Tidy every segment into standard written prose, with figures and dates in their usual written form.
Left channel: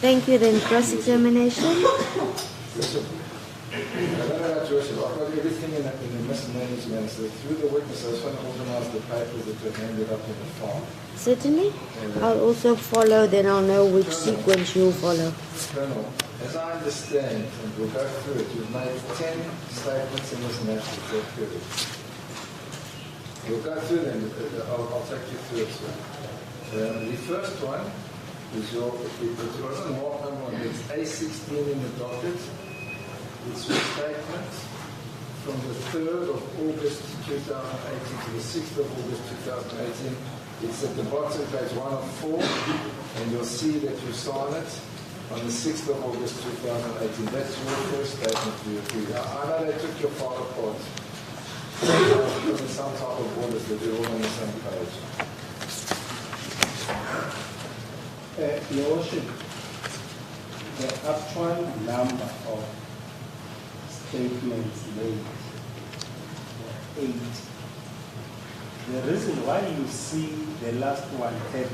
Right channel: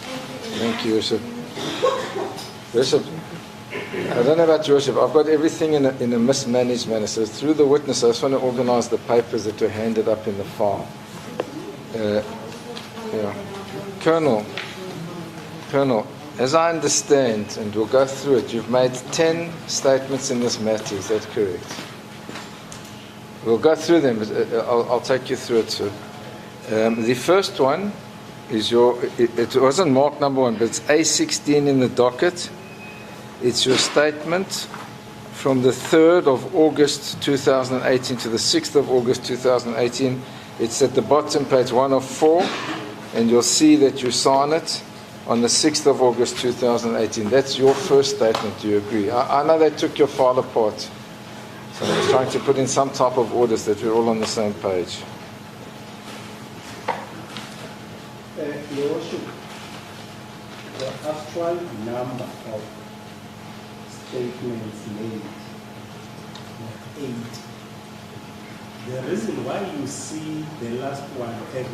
Thank you, then cross-examination. Worship, I don't know about your worship. I've got everything in a mismanaged manner. So through the witness, I just want to organize the papers that are handed up in the file. Certainly. I'll also follow, then I'll know which sequence you'll follow. Colonel, as I understand, and we'll go through it, you've made 10 statements in this matter. Is that correct? We'll go through them. I'll take you through it, sir. The first one is it wasn't marked number 1, but it's A16 in the docket. It's your statement from the 3rd of August 2018 to the 6th of August 2018. It's at the bottom, page 1 of 4, and you'll see that you sign it on the 6th of August 2018. That's your first statement. Do you agree? I know they took your file apart. They're trying to put in some type of orders that we're all on the same page. Your Worship, the actual number of statements made were 8. The reason why you see the last one having a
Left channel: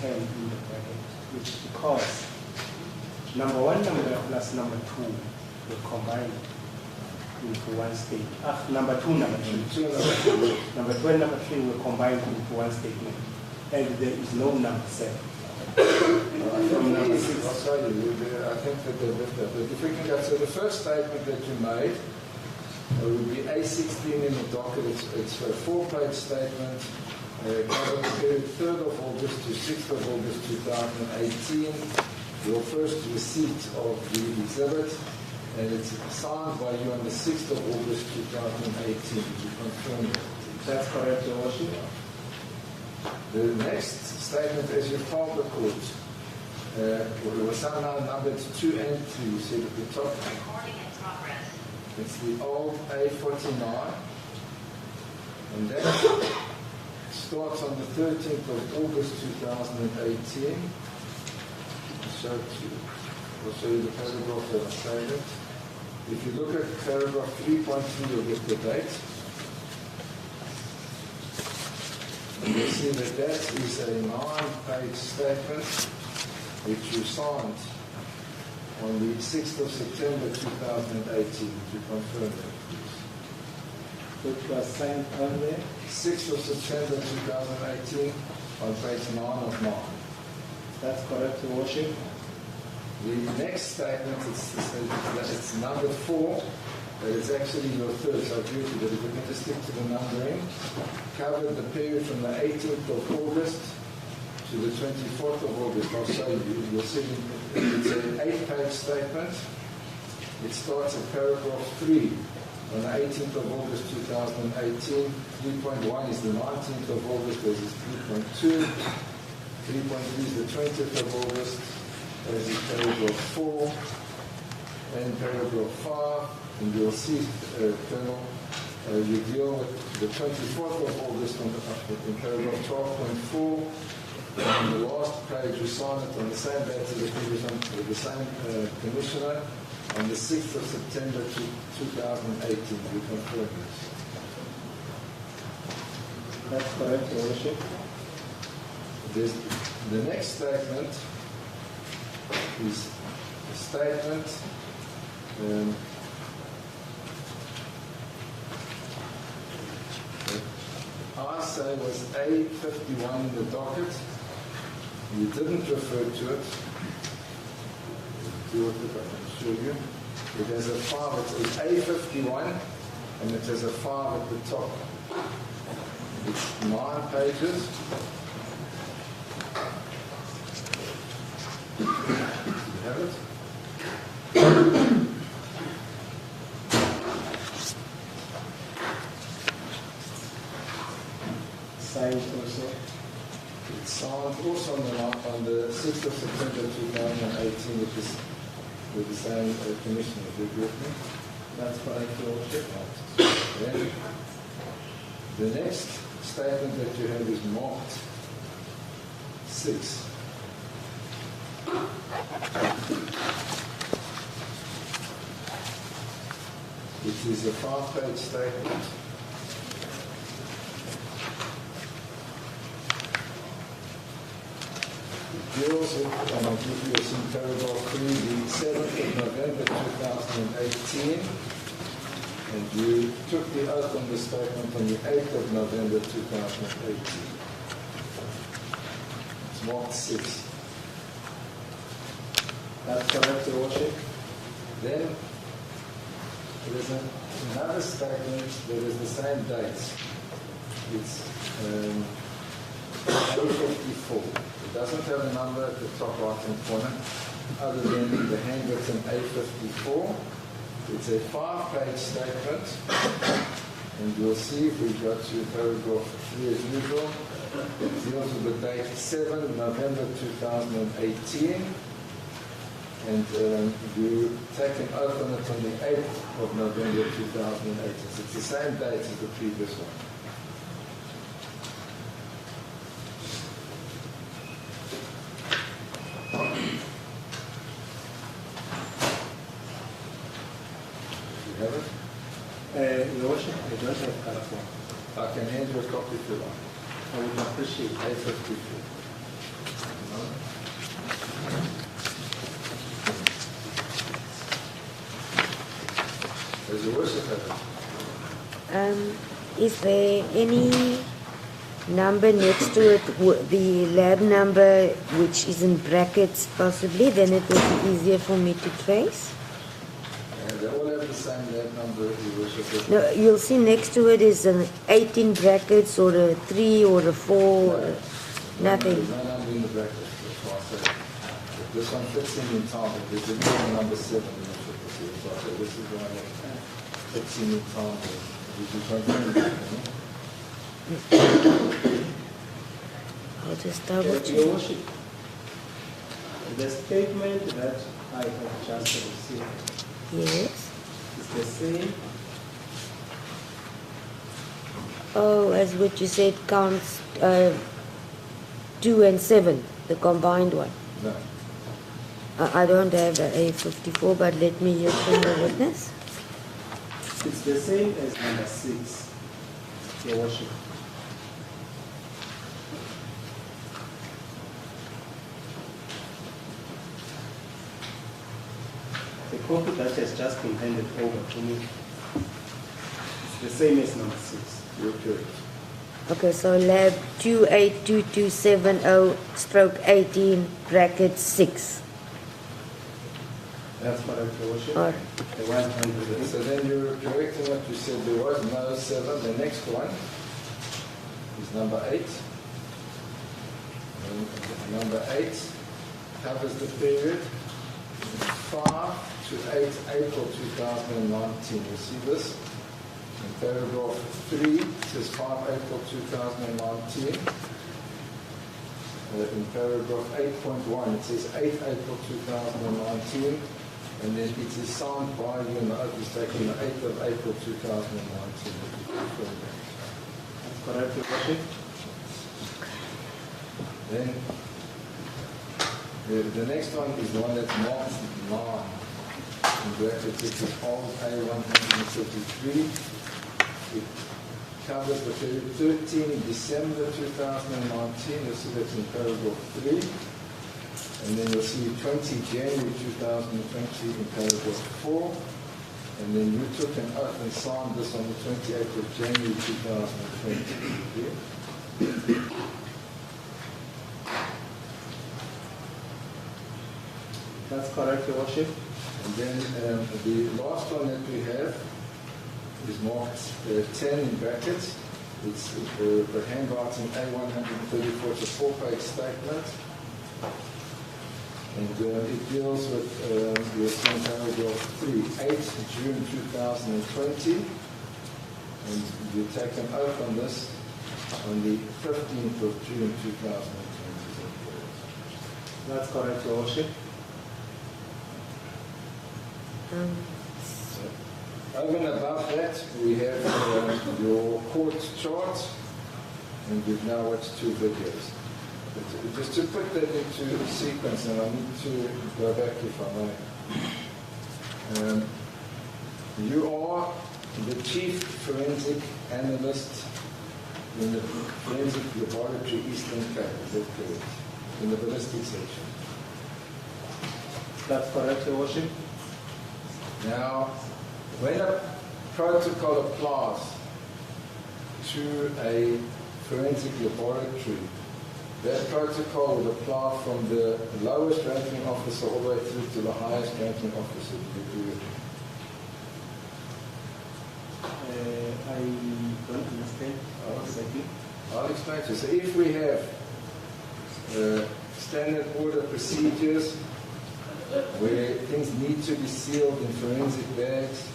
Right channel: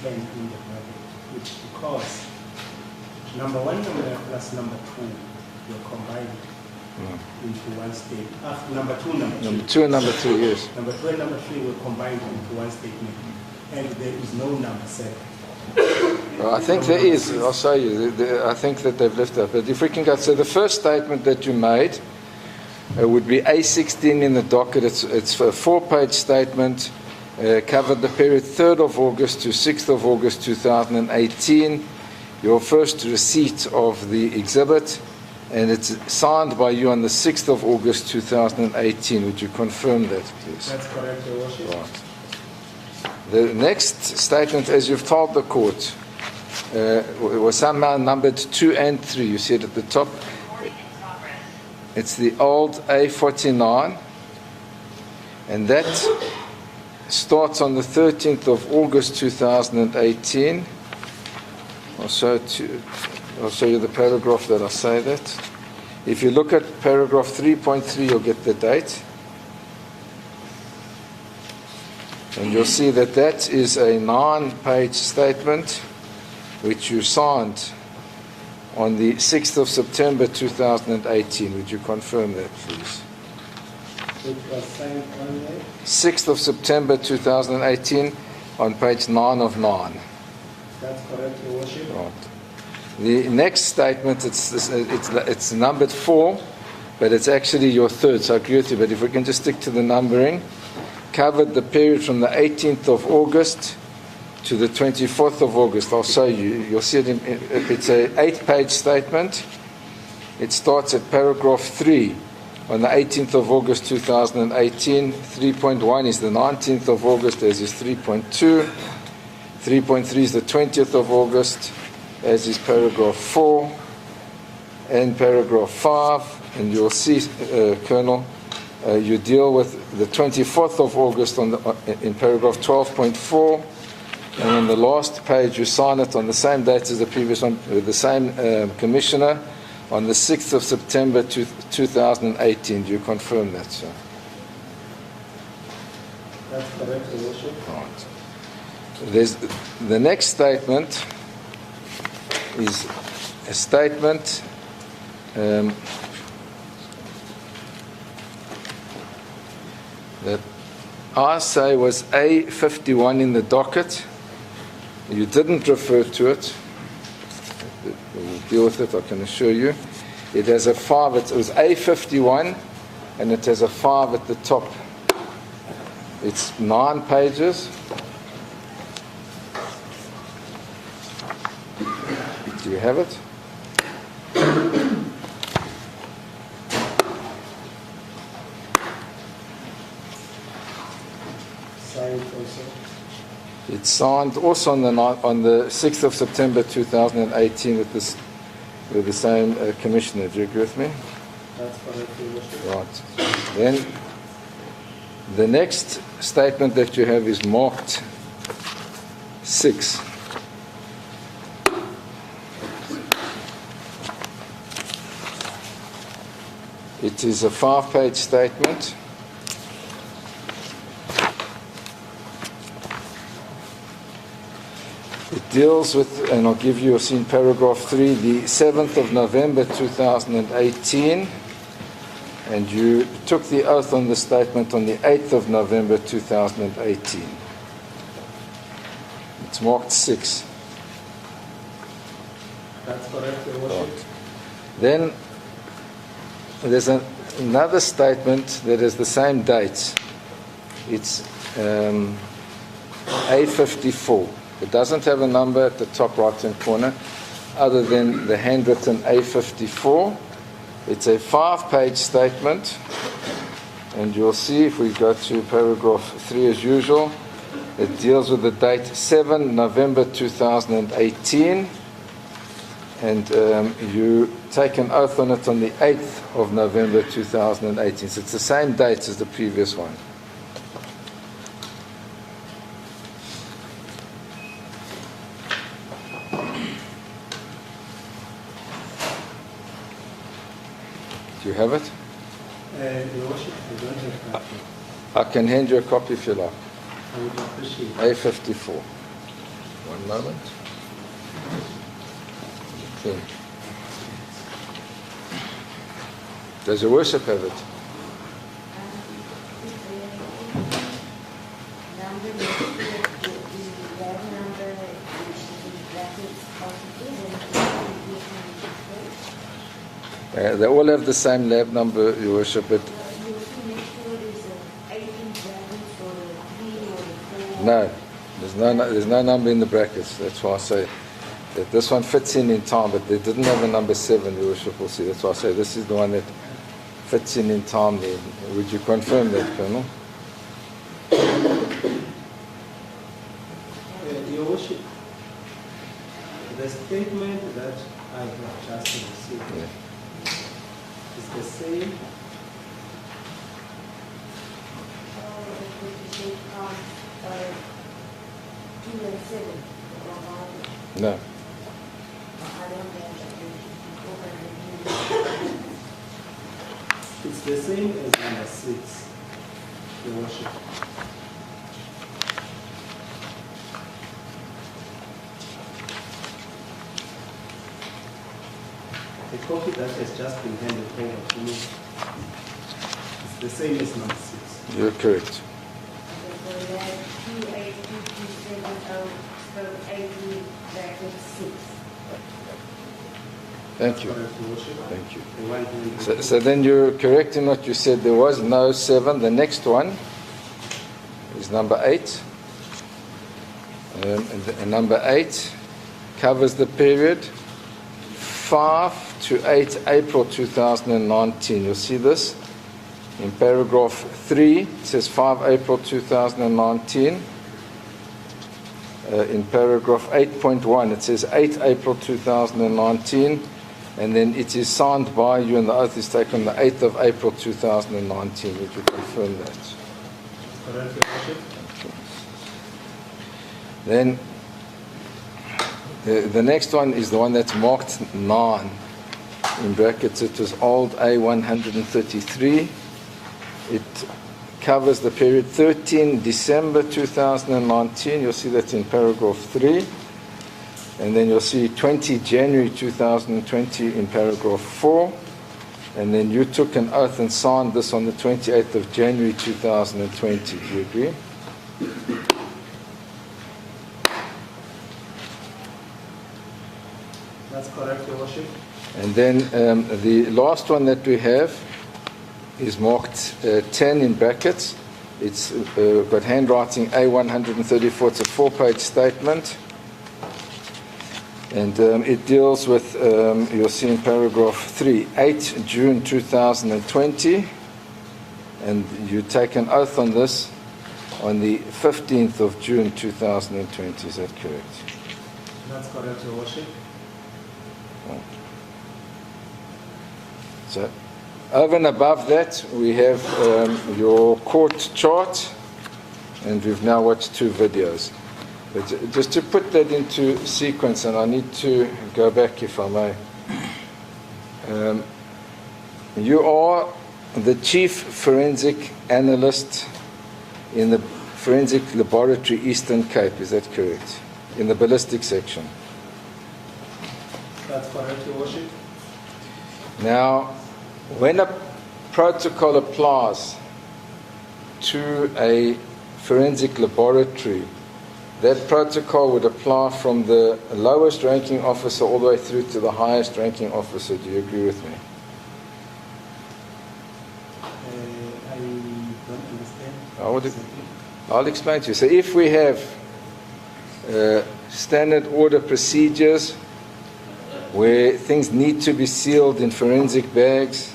10 in the bracket is because number 1 number plus number 2 were combined into one statement. Number 2 and number 3, yes. Number 2 and number 3 were combined into one statement, and there is no number 7. Well, I think there is. I'll show you. I think that they've left that. But if we can go, so the first statement that you made would be A16 in the docket. It's a 4-page statement. Covered the period 3rd of August to 6th of August 2018. Your first receipt of the exhibit, and it's signed by you on the 6th of August 2018. Would you confirm that, please? That's correct, Your Worship. Right. The next statement, as you've told the court, was somehow numbered 2 and 3. You see it at the top. It's the old A49, and that starts on the 13th of August 2018. I'll show you the paragraph that I say that. If you look at paragraph 3.3, you'll get the date. And you'll see that that is a 9-page statement which you signed on the 6th of September 2018. Would you confirm that, please? It was signed on there? 6th of September 2018 on page 9 of 9. That's correct, Your Worship. Right. The next statement, it's numbered 4, but it's actually your third, so I agree with you. But if we can just stick to the numbering. Covered the period from the 18th of August to the 24th of August. I'll show you. You'll see it. It's an 8-page statement. It starts at paragraph 3 on the 18th of August 2018. 3.1 is the 19th of August, as is 3.2. 3.3 is the 20th of August, as is paragraph 4. And paragraph 5, and you'll see, Colonel, you deal with the 24th of August in paragraph 12.4, and on the last page you sign it on the same date as the previous one, with the same commissioner, on the 6th of September 2018. Do you confirm that, sir? That's correct, Your Worship. Right. There's the next statement is a statement that I say was A51 in the docket. You didn't refer to it. We'll deal with it, I can assure you. It has a 5. It was A51, and it has a 5 at the top. It's 9 pages. Do you have it? Signed also. It's signed also on the 6th of September 2018 with the same commissioner. Do you agree with me? That's correct, Your Worship. Right. Then the next statement that you have is marked 6. It is a 5-page statement. It deals with, and I'll give you, in paragraph 3, the 7th of November 2018, and you took the oath on the statement on the 8th of November 2018. It's marked 6. That's correct, Your Worship. Then there's another statement that has the same dates. It's A54. It doesn't have a number at the top right-hand corner other than the handwritten A54. It's a 5-page statement, and you'll see if we go to paragraph 3 as usual, it deals with the date 7 November 2018, and you take an oath on it on the 8th of November 2018. So it's the same dates as the previous one. Do you have it? Your Worship, I don't have a copy. I can hand you a copy if you like. I would appreciate it. A54. One moment. Does your worship have it? Is there any number next to it, the lab number which is in brackets possibly? Then it will be easier for me to trace. They all have the same lab number, your worship. No, you'll see next to it is an 8 in brackets or a 3 or a 4. No, there's no number in the brackets. That's why I say that this one fits in time, but they didn't have a number 7, your worship will see. That's why I say this is the one that fits in time there. Would you confirm that, Colonel? I'll just double check. Your Worship, the statement that I have just received Yes. is the same. Oh, as what you said counts 2 and 7, the combined one. No. I don't have the A54, but let me hear from the witness. It's the same as number 6, Your Worship. The copy that has just been handed over to me is the same as number 6. You're correct. Okay, so lab 282270/18 bracket 6. Thank you. Correct, Your Worship. All right. The right hand. So then you're correct in what you said. There was no 7. The next one is number 8. And number 8 covers the period 5 to 8 April 2019. You'll see this in paragraph 3. It says 5 April 2019. In paragraph 8.1, it says 8 April 2019. And then it is signed by you, and the oath is taken the 8th of April 2019. Would you confirm that? That's correct, Your Worship. Then the next one is the one that's marked 9. In brackets, it is old A133. It covers the period 13 December 2019. You'll see that in paragraph 3. And then you'll see 20 January 2020 in paragraph 4. And then you took an oath and signed this on the 28th of January 2020. Do you agree? That's correct, Your Worship. And then the last one that we have is marked 10 in brackets. It's got handwriting A134. It's a 4-page statement. And it deals with, you'll see in paragraph 3, 8 June 2020. And you take an oath on this on the 15th of June 2020. Is that correct? That's correct, Your Worship. So, over and above that, we have your court chart, and we've now watched 2 videos. But just to put that into sequence, and I need to go back if I may. You are the chief forensic analyst in the Forensic Laboratory Eastern Cape, is that correct? in the ballistic section. That's correct, Your Worship. Now, when a protocol applies to a forensic laboratory, that protocol would apply from the lowest ranking officer all the way through to the highest ranking officer. Do you agree with me? I don't understand. I'll explain to you. So if we have standard order procedures where things need to be sealed in forensic bags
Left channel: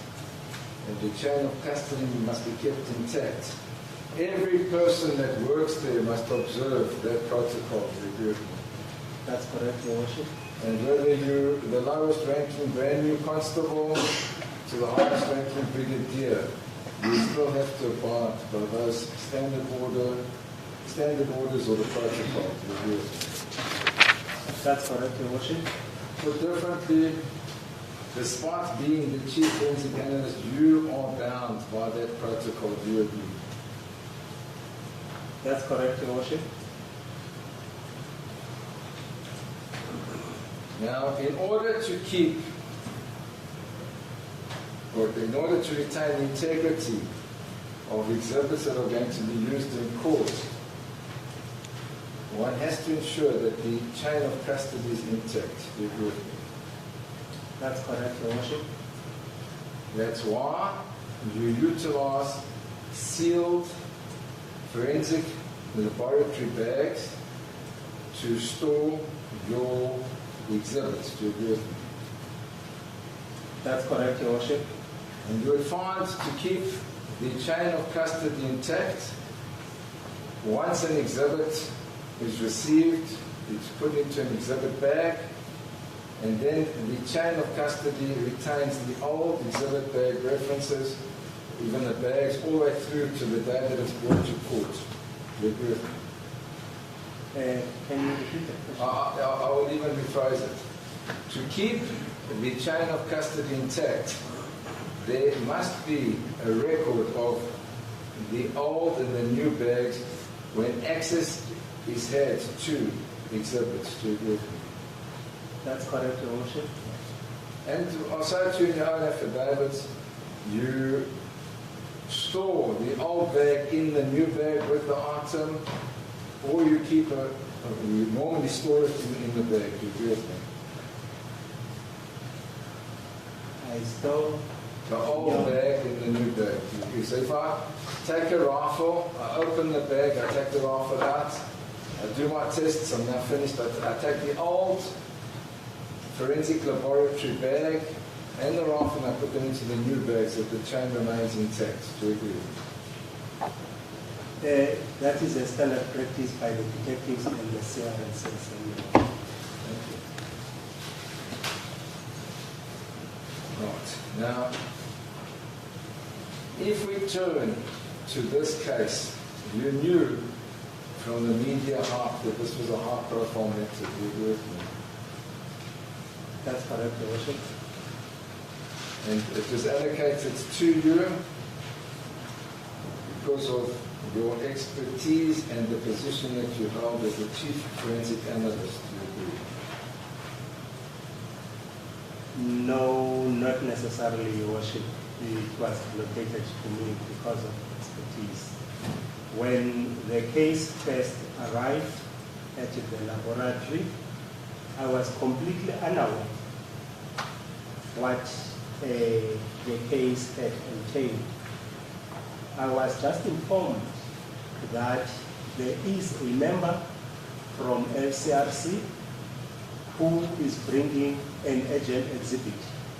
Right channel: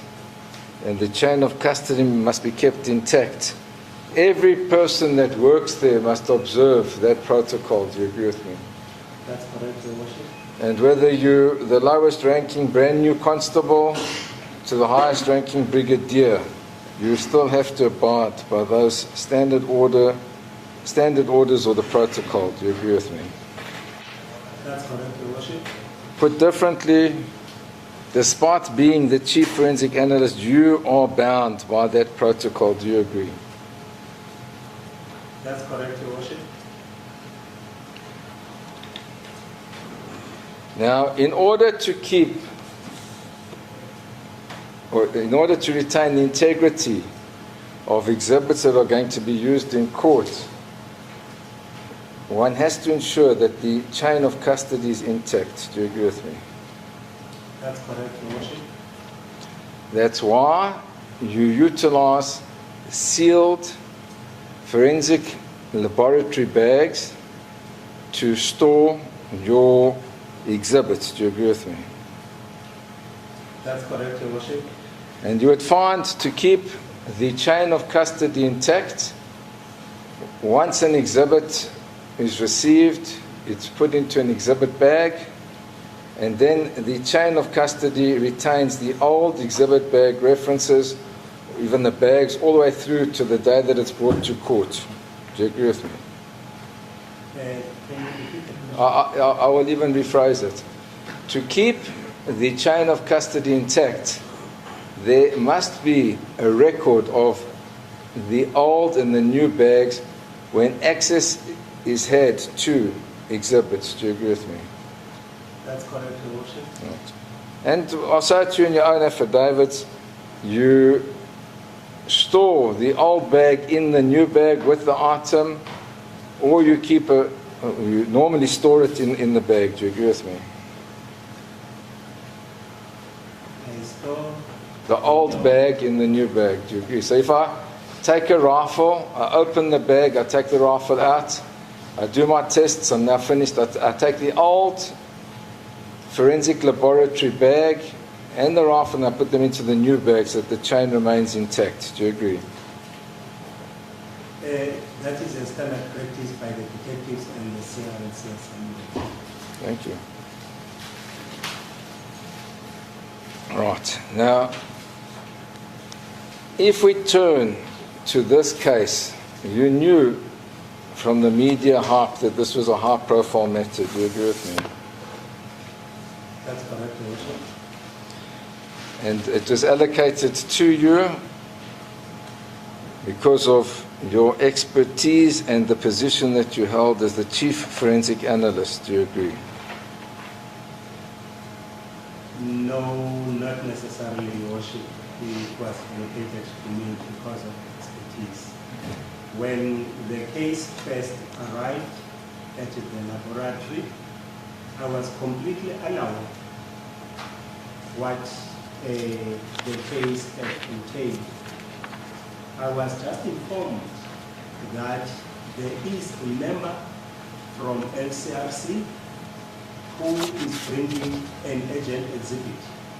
and the chain of custody must be kept intact, every person that works there must observe that protocol. Do you agree with me? That's correct, Your Worship. And whether you're the lowest ranking brand new constable to the highest ranking brigadier, you still have to abide by those standard orders or the protocol. Do you agree with me? That's correct, Your Worship. Put differently, despite being the chief forensic analyst, you are bound by that protocol. Do you agree? That's correct, Your Worship. Now, in order to keep, or in order to retain the integrity of exhibits that are going to be used in court, one has to ensure that the chain of custody is intact. Do you agree with me? That's correct, Your Worship. That's why you utilize sealed forensic laboratory bags to store your exhibits. Do you agree with me? That's correct, Your Worship. And you would find to keep the chain of custody intact, once an exhibit is received, it's put into an exhibit bag, and then the chain of custody retains the old exhibit bag references, even the bags, all the way through to the day that it's brought to court. Do you agree with me? Can you repeat it? I will even rephrase it. To keep the chain of custody intact, there must be a record of the old and the new bags when access is had to exhibits. Do you agree with me? That's correct, Your Worship. And I'll say to you in your own affidavits, you store the old bag in the new bag with the item, or you keep you normally store it in the bag. Do you agree with me? I store The old bag in the new bag. Do you agree? So if I take a rifle, I open the bag, I take the rifle out, I do my tests, I'm now finished, I take the old forensic laboratory bag and the rifle and I put them into the new bag so that the chain remains intact. Do you agree? that is a standard practice by the detectives and the CRSS. Thank you. Right. Now, if we turn to this case, you knew from the media hype that this was a high-profile matter. Do you agree with me? That's correct, Your Worship. And it was allocated to you because of your expertise and the position that you held as the chief forensic analyst. Do you agree? No, not necessarily, Your Worship. It was allocated to me because of expertise. When the case first arrived at the laboratory, I was completely unaware what the case had entailed. I was just informed that there is a member from LCRC who is bringing an agent exhibit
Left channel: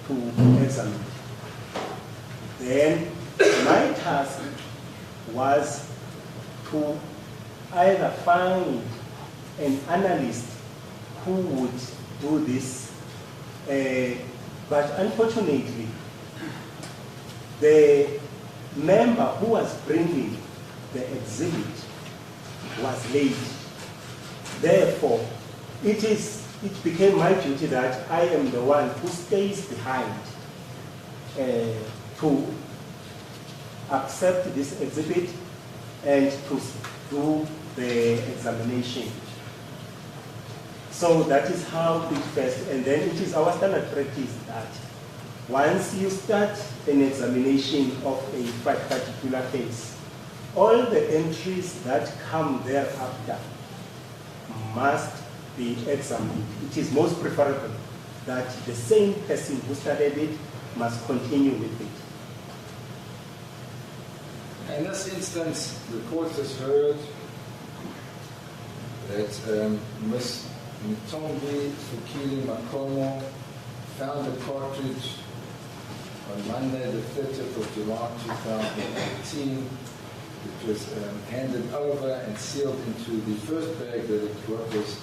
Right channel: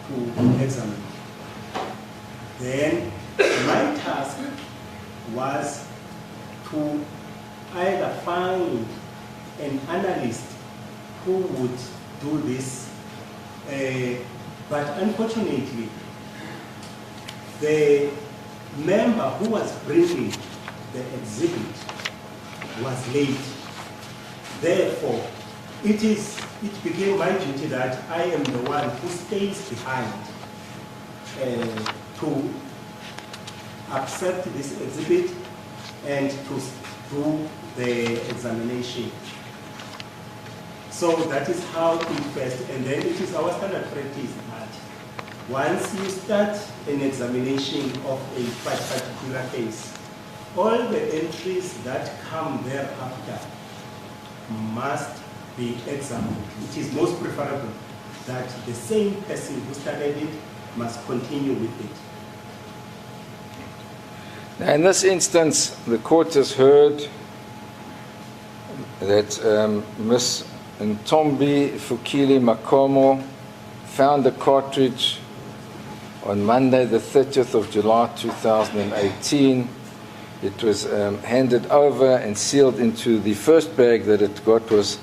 to examine. Then my task was to either find an analyst who would do this, but unfortunately, the member who was bringing the exhibit was late. Therefore, it became my duty that I am the one who stays behind to accept this exhibit and to do the examination. So that is how it first, and then it is our standard practice that once you start an examination of a particular case, all the entries that come thereafter must be examined. It is most preferable that the same person who started it must continue with it. Now, in this instance, the court has heard that Ms. Ntombi Fukile Makomo found a cartridge on Monday, the 30th of July 2018. It was handed over and sealed into the first bag that it got was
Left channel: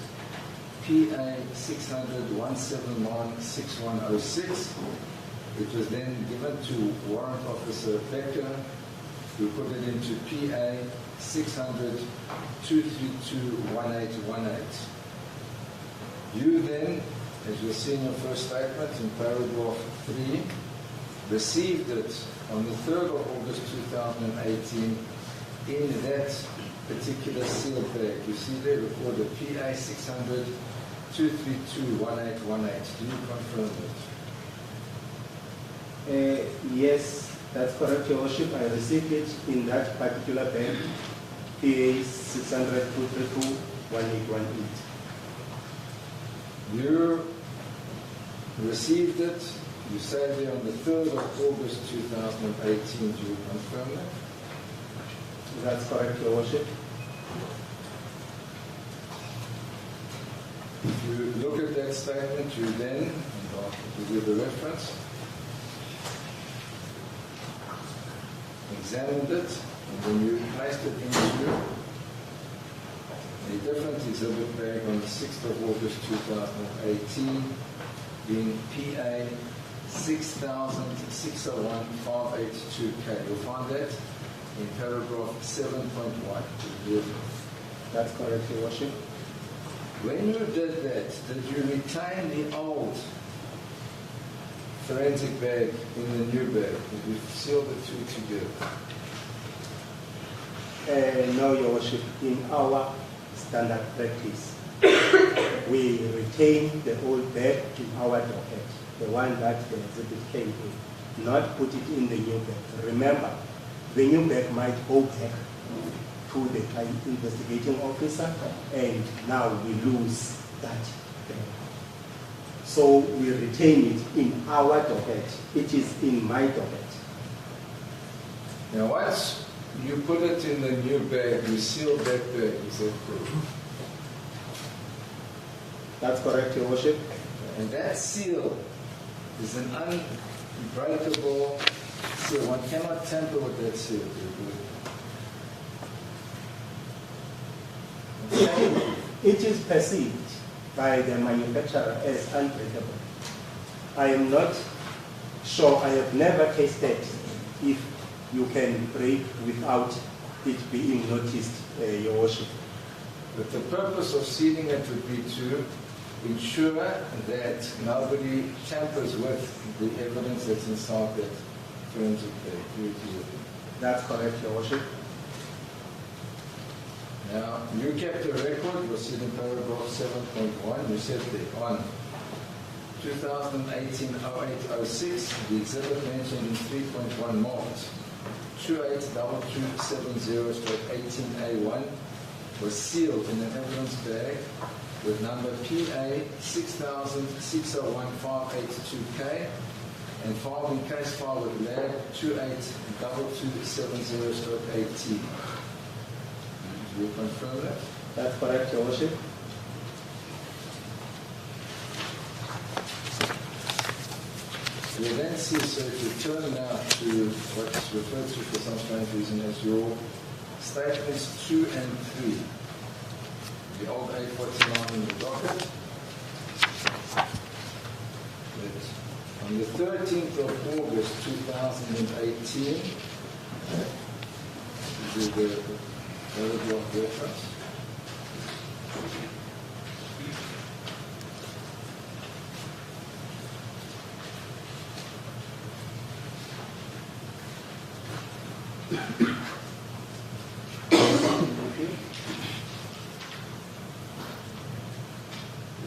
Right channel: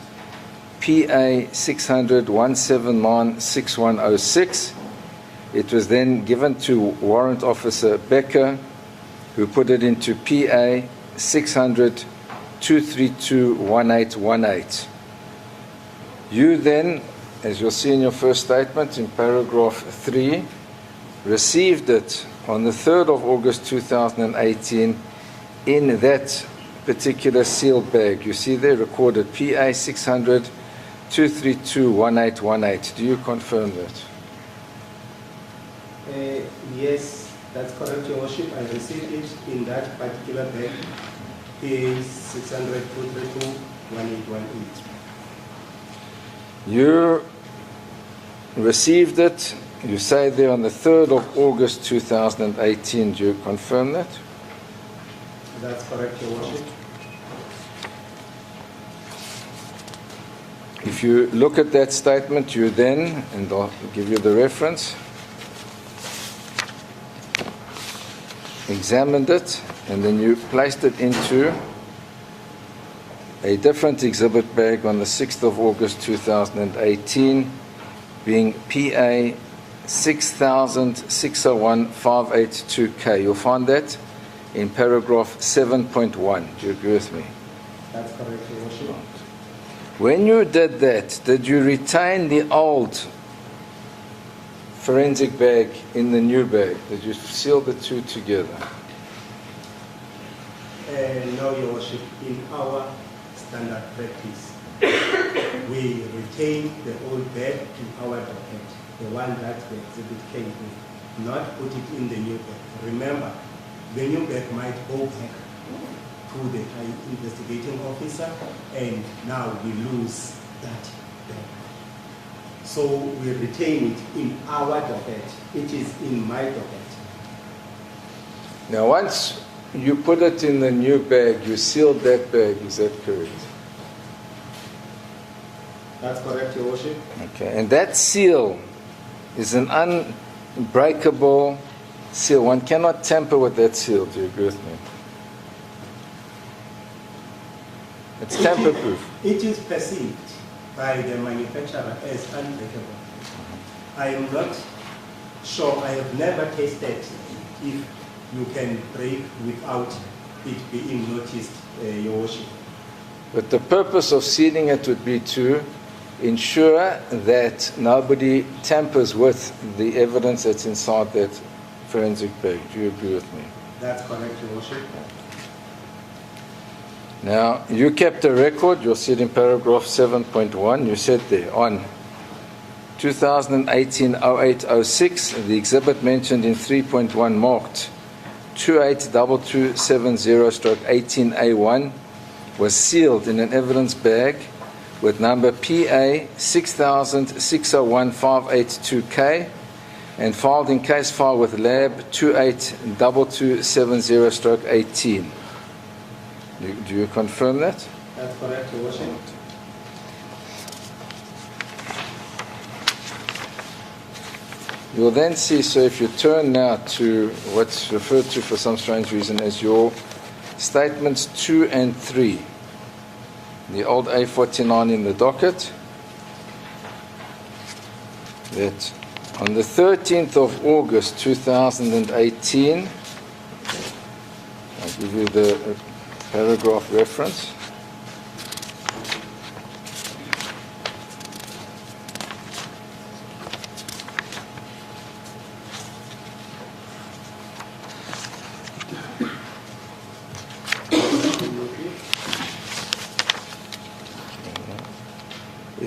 PA 600-179-6106. It was then given to Warrant Officer Becker, who put it into PA 600-232-1818. You then, as you'll see in your first statement in paragraph 3, received it on the 3rd of August 2018 in that particular sealed bag. You see there recorded PA 600-232-1818. Do you confirm that? Yes, that's correct, Your Worship. I received it in that particular bag, PA 600-232-1818. You received it, you say there, on the 3rd of August 2018. Do you confirm that? That's correct, Your Worship. If you look at that statement, you then, and I'll give you the reference, examined it, and then you placed it into a different exhibit bag on the 6th of August 2018, being PA 6000-601-582K. You'll find that in paragraph 7.1. Do you agree with me? That's correct, Your Worship. When you did that, did you retain the old forensic bag in the new bag? Did you seal the two together? No, Your Worship. In our standard practice, we retain the old bag in our docket, the one that the exhibit came with, not put it in the new bag. Remember, the new bag might go back to the investigating officer, and now we lose that bag. So we retain it in our docket. It is in my docket. Now, once you put it in the new bag, you sealed that bag, is that correct? That's correct, Your Worship. Okay, and that seal is an unbreakable seal. One cannot tamper with that seal. Do you agree with me? It's tamper-proof. It is perceived by the manufacturer as unbreakable. I am not sure, I have never tasted if you can break without it being noticed, Your Worship. But the purpose of sealing it would be to ensure that nobody tampers with the evidence that's inside that forensic bag. Do you agree with me? That's correct, Your Worship. Now, you kept a record, you'll see it in paragraph 7.1, you said there, on 2018-08-06, the exhibit mentioned in 3.1 marked 282270/18A1 was sealed in an evidence bag with number PA 6000-601-582K and filed in case file with lab 282270/18. Do you confirm that? That's correct, Your Worship. You'll then see, so if you turn now to what's referred to for some strange reason as your statements 2 and 3, the old A49 in the docket, that on the 13th of August 2018, I'll give you the paragraph reference.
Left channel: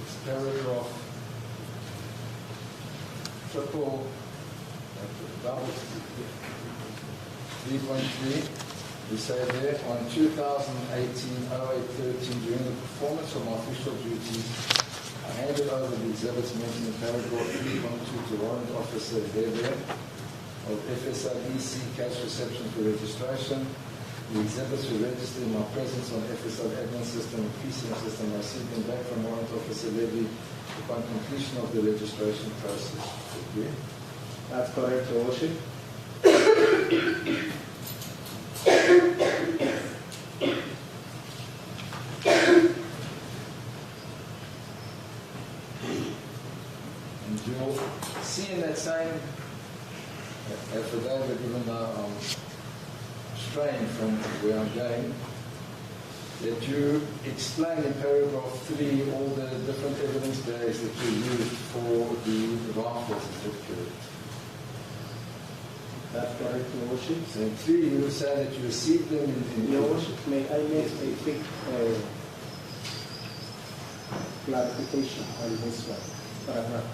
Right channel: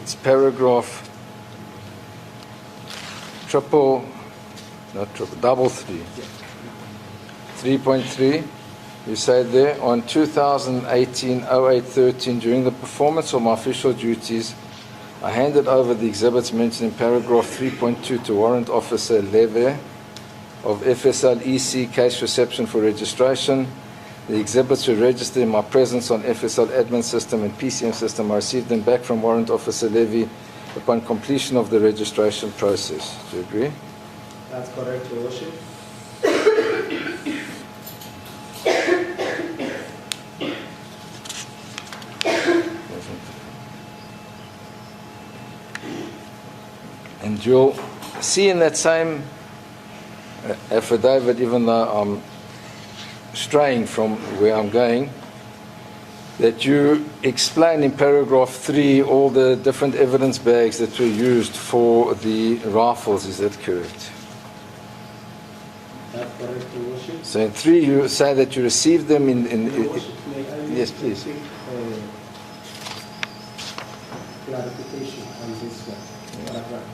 it's paragraph double three. 3.3, you say there, on 2018-08-13, during the performance of my official duties, I handed over the exhibits mentioned in paragraph 3.2 to Warrant Officer Leve of FSL EC case reception for registration. The exhibits were registered in my presence on FSL admin system and PCM system. I received them back from Warrant Officer Levy upon completion of the registration process. Do you agree? That's correct, Your Worship. And you'll see in that same affidavit, even though I'm straying from where I'm going, that you explain in paragraph 3 all the different evidence bags that were used for the rifles. Is that correct? That's correct, Your Worship. So in 3 you say that you received them in Your Worship, may I make yes, please. a quick clarification on this one? Paragraph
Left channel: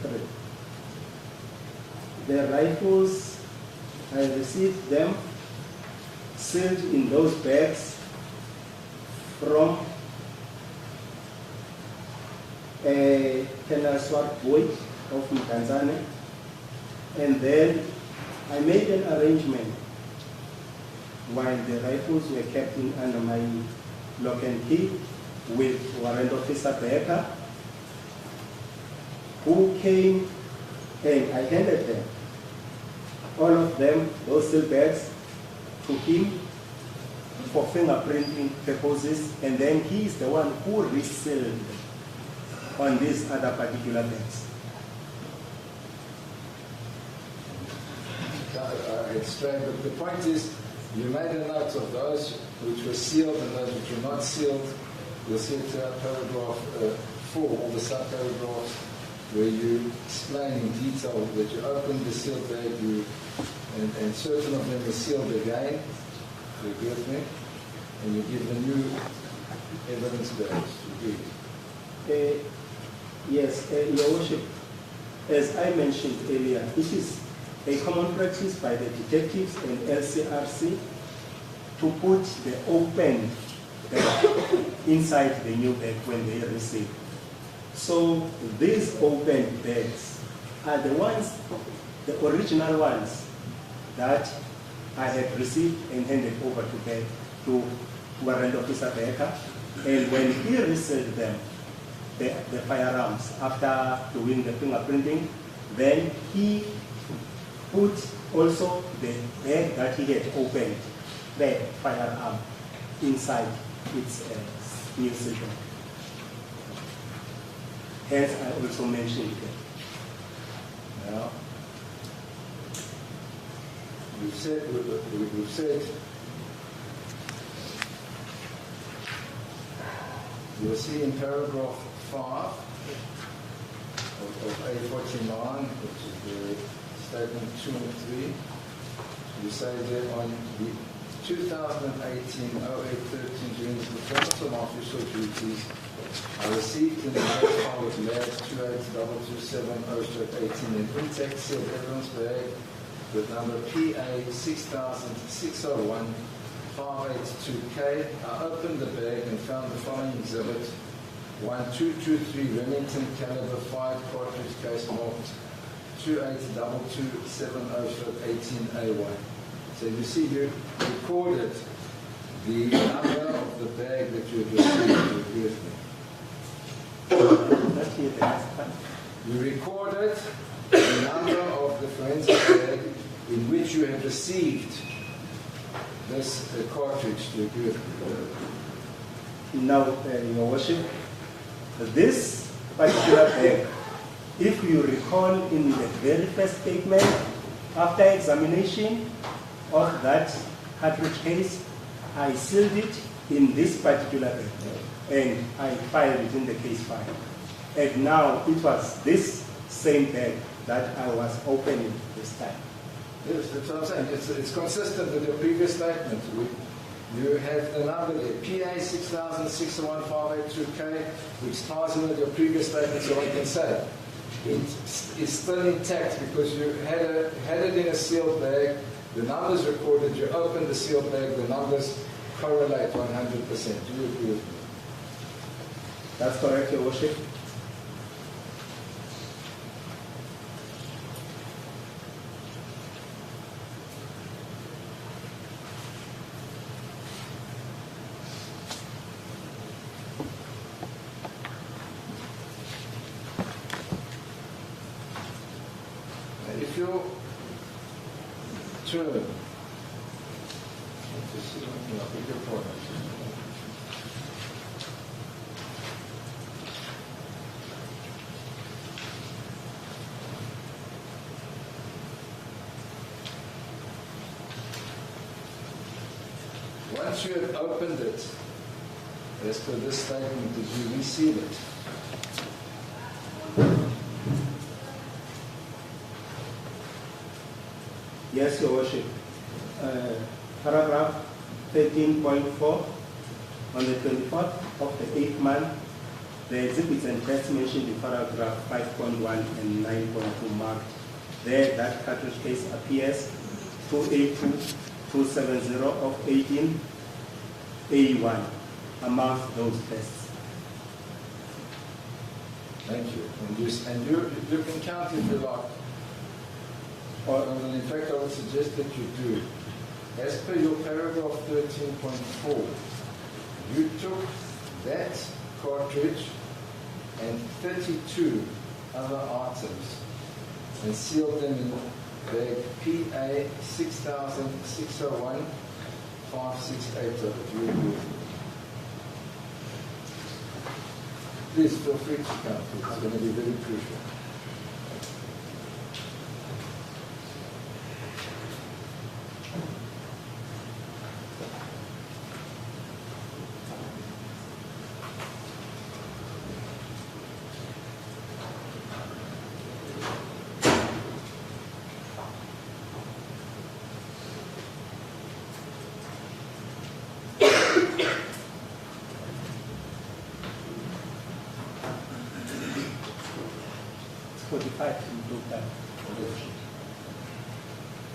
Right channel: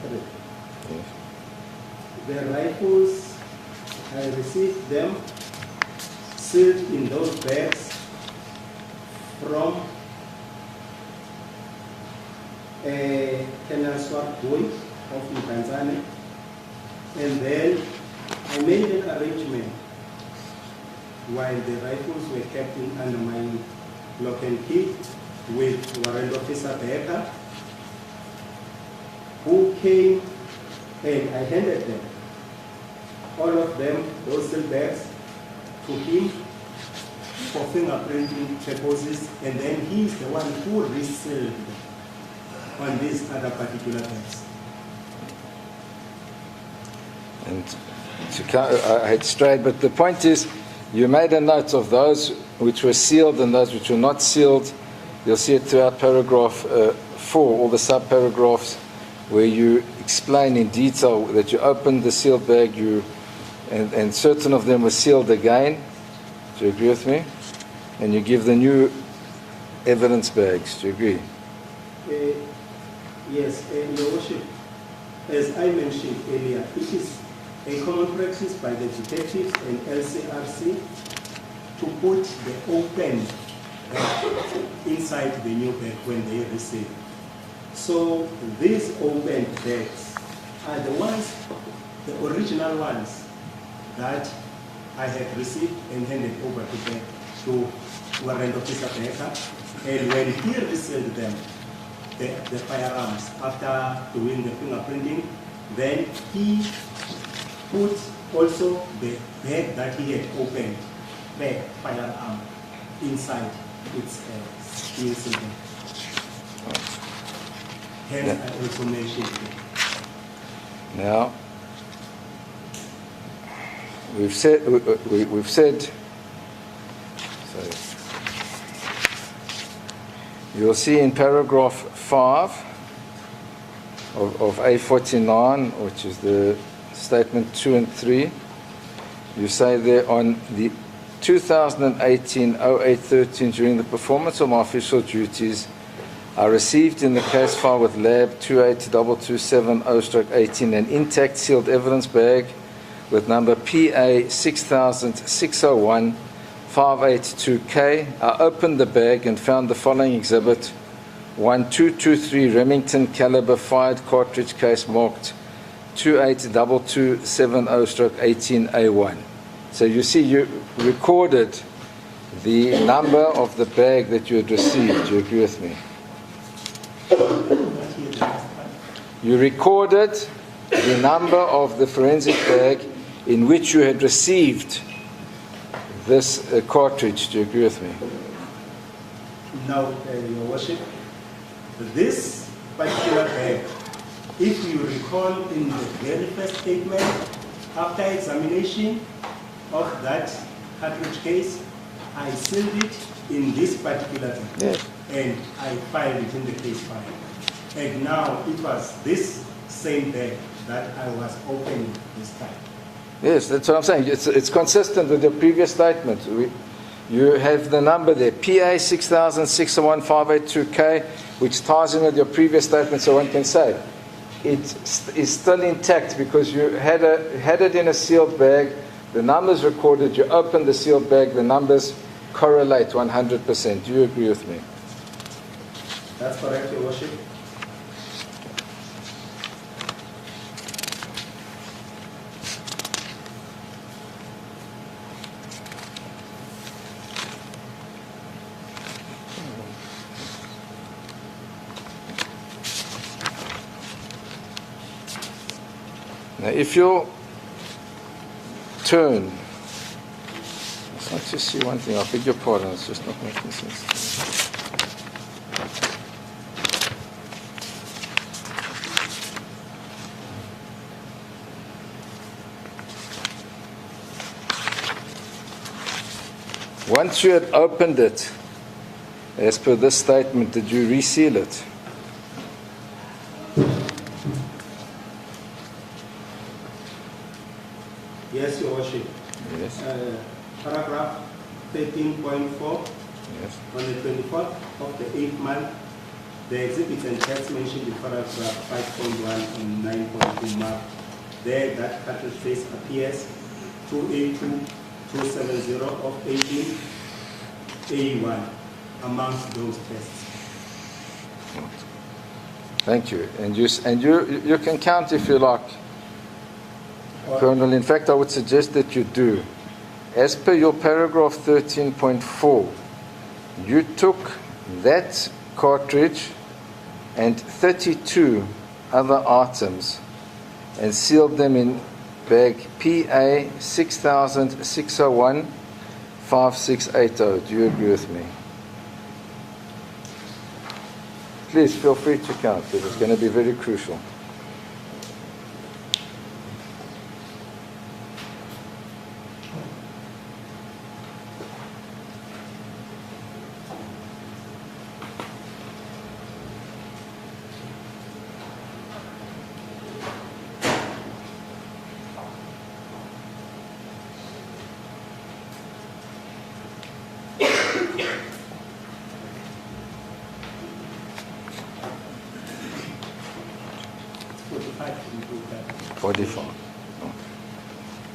3. The rifles, I received them sealed in those bags from a Kenaswar boy of Tanzania, and then I made an arrangement while the rifles were kept under my lock and key with Warrant Officer Becker, who came and I handed them, all of them, those sealed bags, to him for fingerprinting purposes, and then he's the one who resealed them on these other particular bags. And I had strayed, but the point is, you made a note of those which were sealed and those which were not sealed. You'll see it throughout paragraph 4, all the sub-paragraphs, where you explain in detail that you opened the sealed bag, and certain of them were sealed again. Do you agree with me? And you give the new evidence bags. Do you agree? Yes, Your Worship, as I mentioned earlier, it is a common practice by the detectives and LCRC to put the open bag inside the new bag when they receive. So these open bags are the ones, the original ones that I had received and handed over to Warrant Officer Becker. And when he resealed them, the firearms, after doing the fingerprinting, then he put also the bag that he had opened, the firearm, inside its steel cylinder. Hence, I also mentioned it. Now, we've said so you'll see in paragraph 5 of A49, which is the statement 2 and 3, you say there, on the 2018-08-13, during the performance of my official duties, I received in the case file with lab 282270/18 an intact sealed evidence bag with number PA 600601 582K. I opened the bag and found the following exhibit: 1223 Remington caliber fired cartridge case marked 282270/18A1. So you see, you recorded the number of the bag that you had received. Do you agree with me? You recorded the number of the forensic bag in which you had received this cartridge. Do you agree with me? Now, Your Worship, this particular bag, if you recall in the very first statement, after examination of that cartridge case, I sealed it in this particular bag. Yes. And I filed it in the case file. And now it was this same bag that I was opening this time. Yes, that's what I'm saying. It's consistent with the previous statement. You have the number there, PA 60061582K, which ties in with your previous statement, so one can say it is still intact because you had it in a sealed bag, the numbers recorded, you opened the sealed bag, the numbers correlate 100%. Do you agree with me? That's correct, Your Worship. Now, if you'll turn, let's just see one thing. I beg your pardon, it's just not making sense. Once you had opened it, as per this statement, did you reseal it? Yes, Your Worship. Yes. Paragraph 13.4. Yes. On the 24th of the 8th month, the exhibits and tests mentioned in paragraph 5.1 and 9.2 marked there that cartridge face appears 282-270 of 18A1 amongst those tests. Thank you. And you can count if you like, Colonel. In fact, I would suggest that you do. As per your paragraph 13.4, you took that cartridge and 32 other items and sealed them in bag PA 6006015680. Do you agree with me? Please feel free to count because it's going to be very crucial.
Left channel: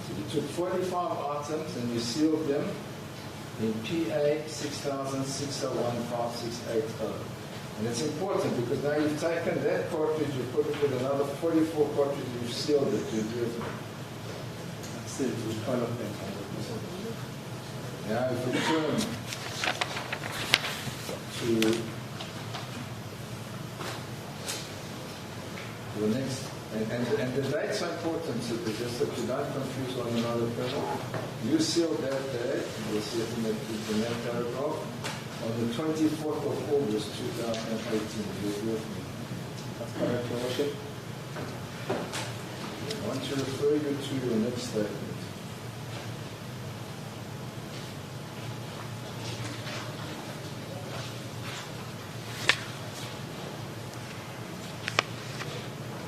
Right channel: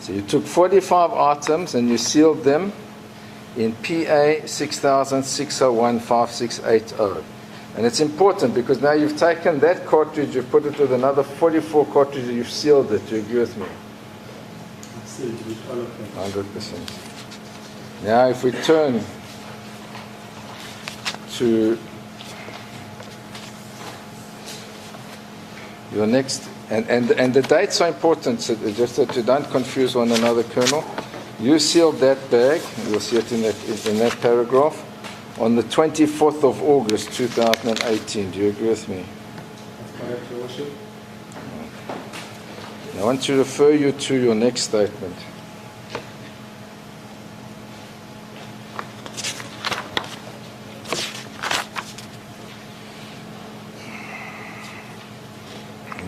So you took 45 items and you sealed them in PA 6006015680. And it's important because now you've taken that cartridge, you've put it with another 44 cartridges, you've sealed it. Do you agree with me? Sealed with all of them. 100%. Now if we turn to your next, and the dates are important, so just that you don't confuse one another, Colonel. You sealed that bag, you'll see it in that paragraph, on the 24th of August 2018. Do you agree with me? That's correct, Your Worship. I want to refer you to your next statement.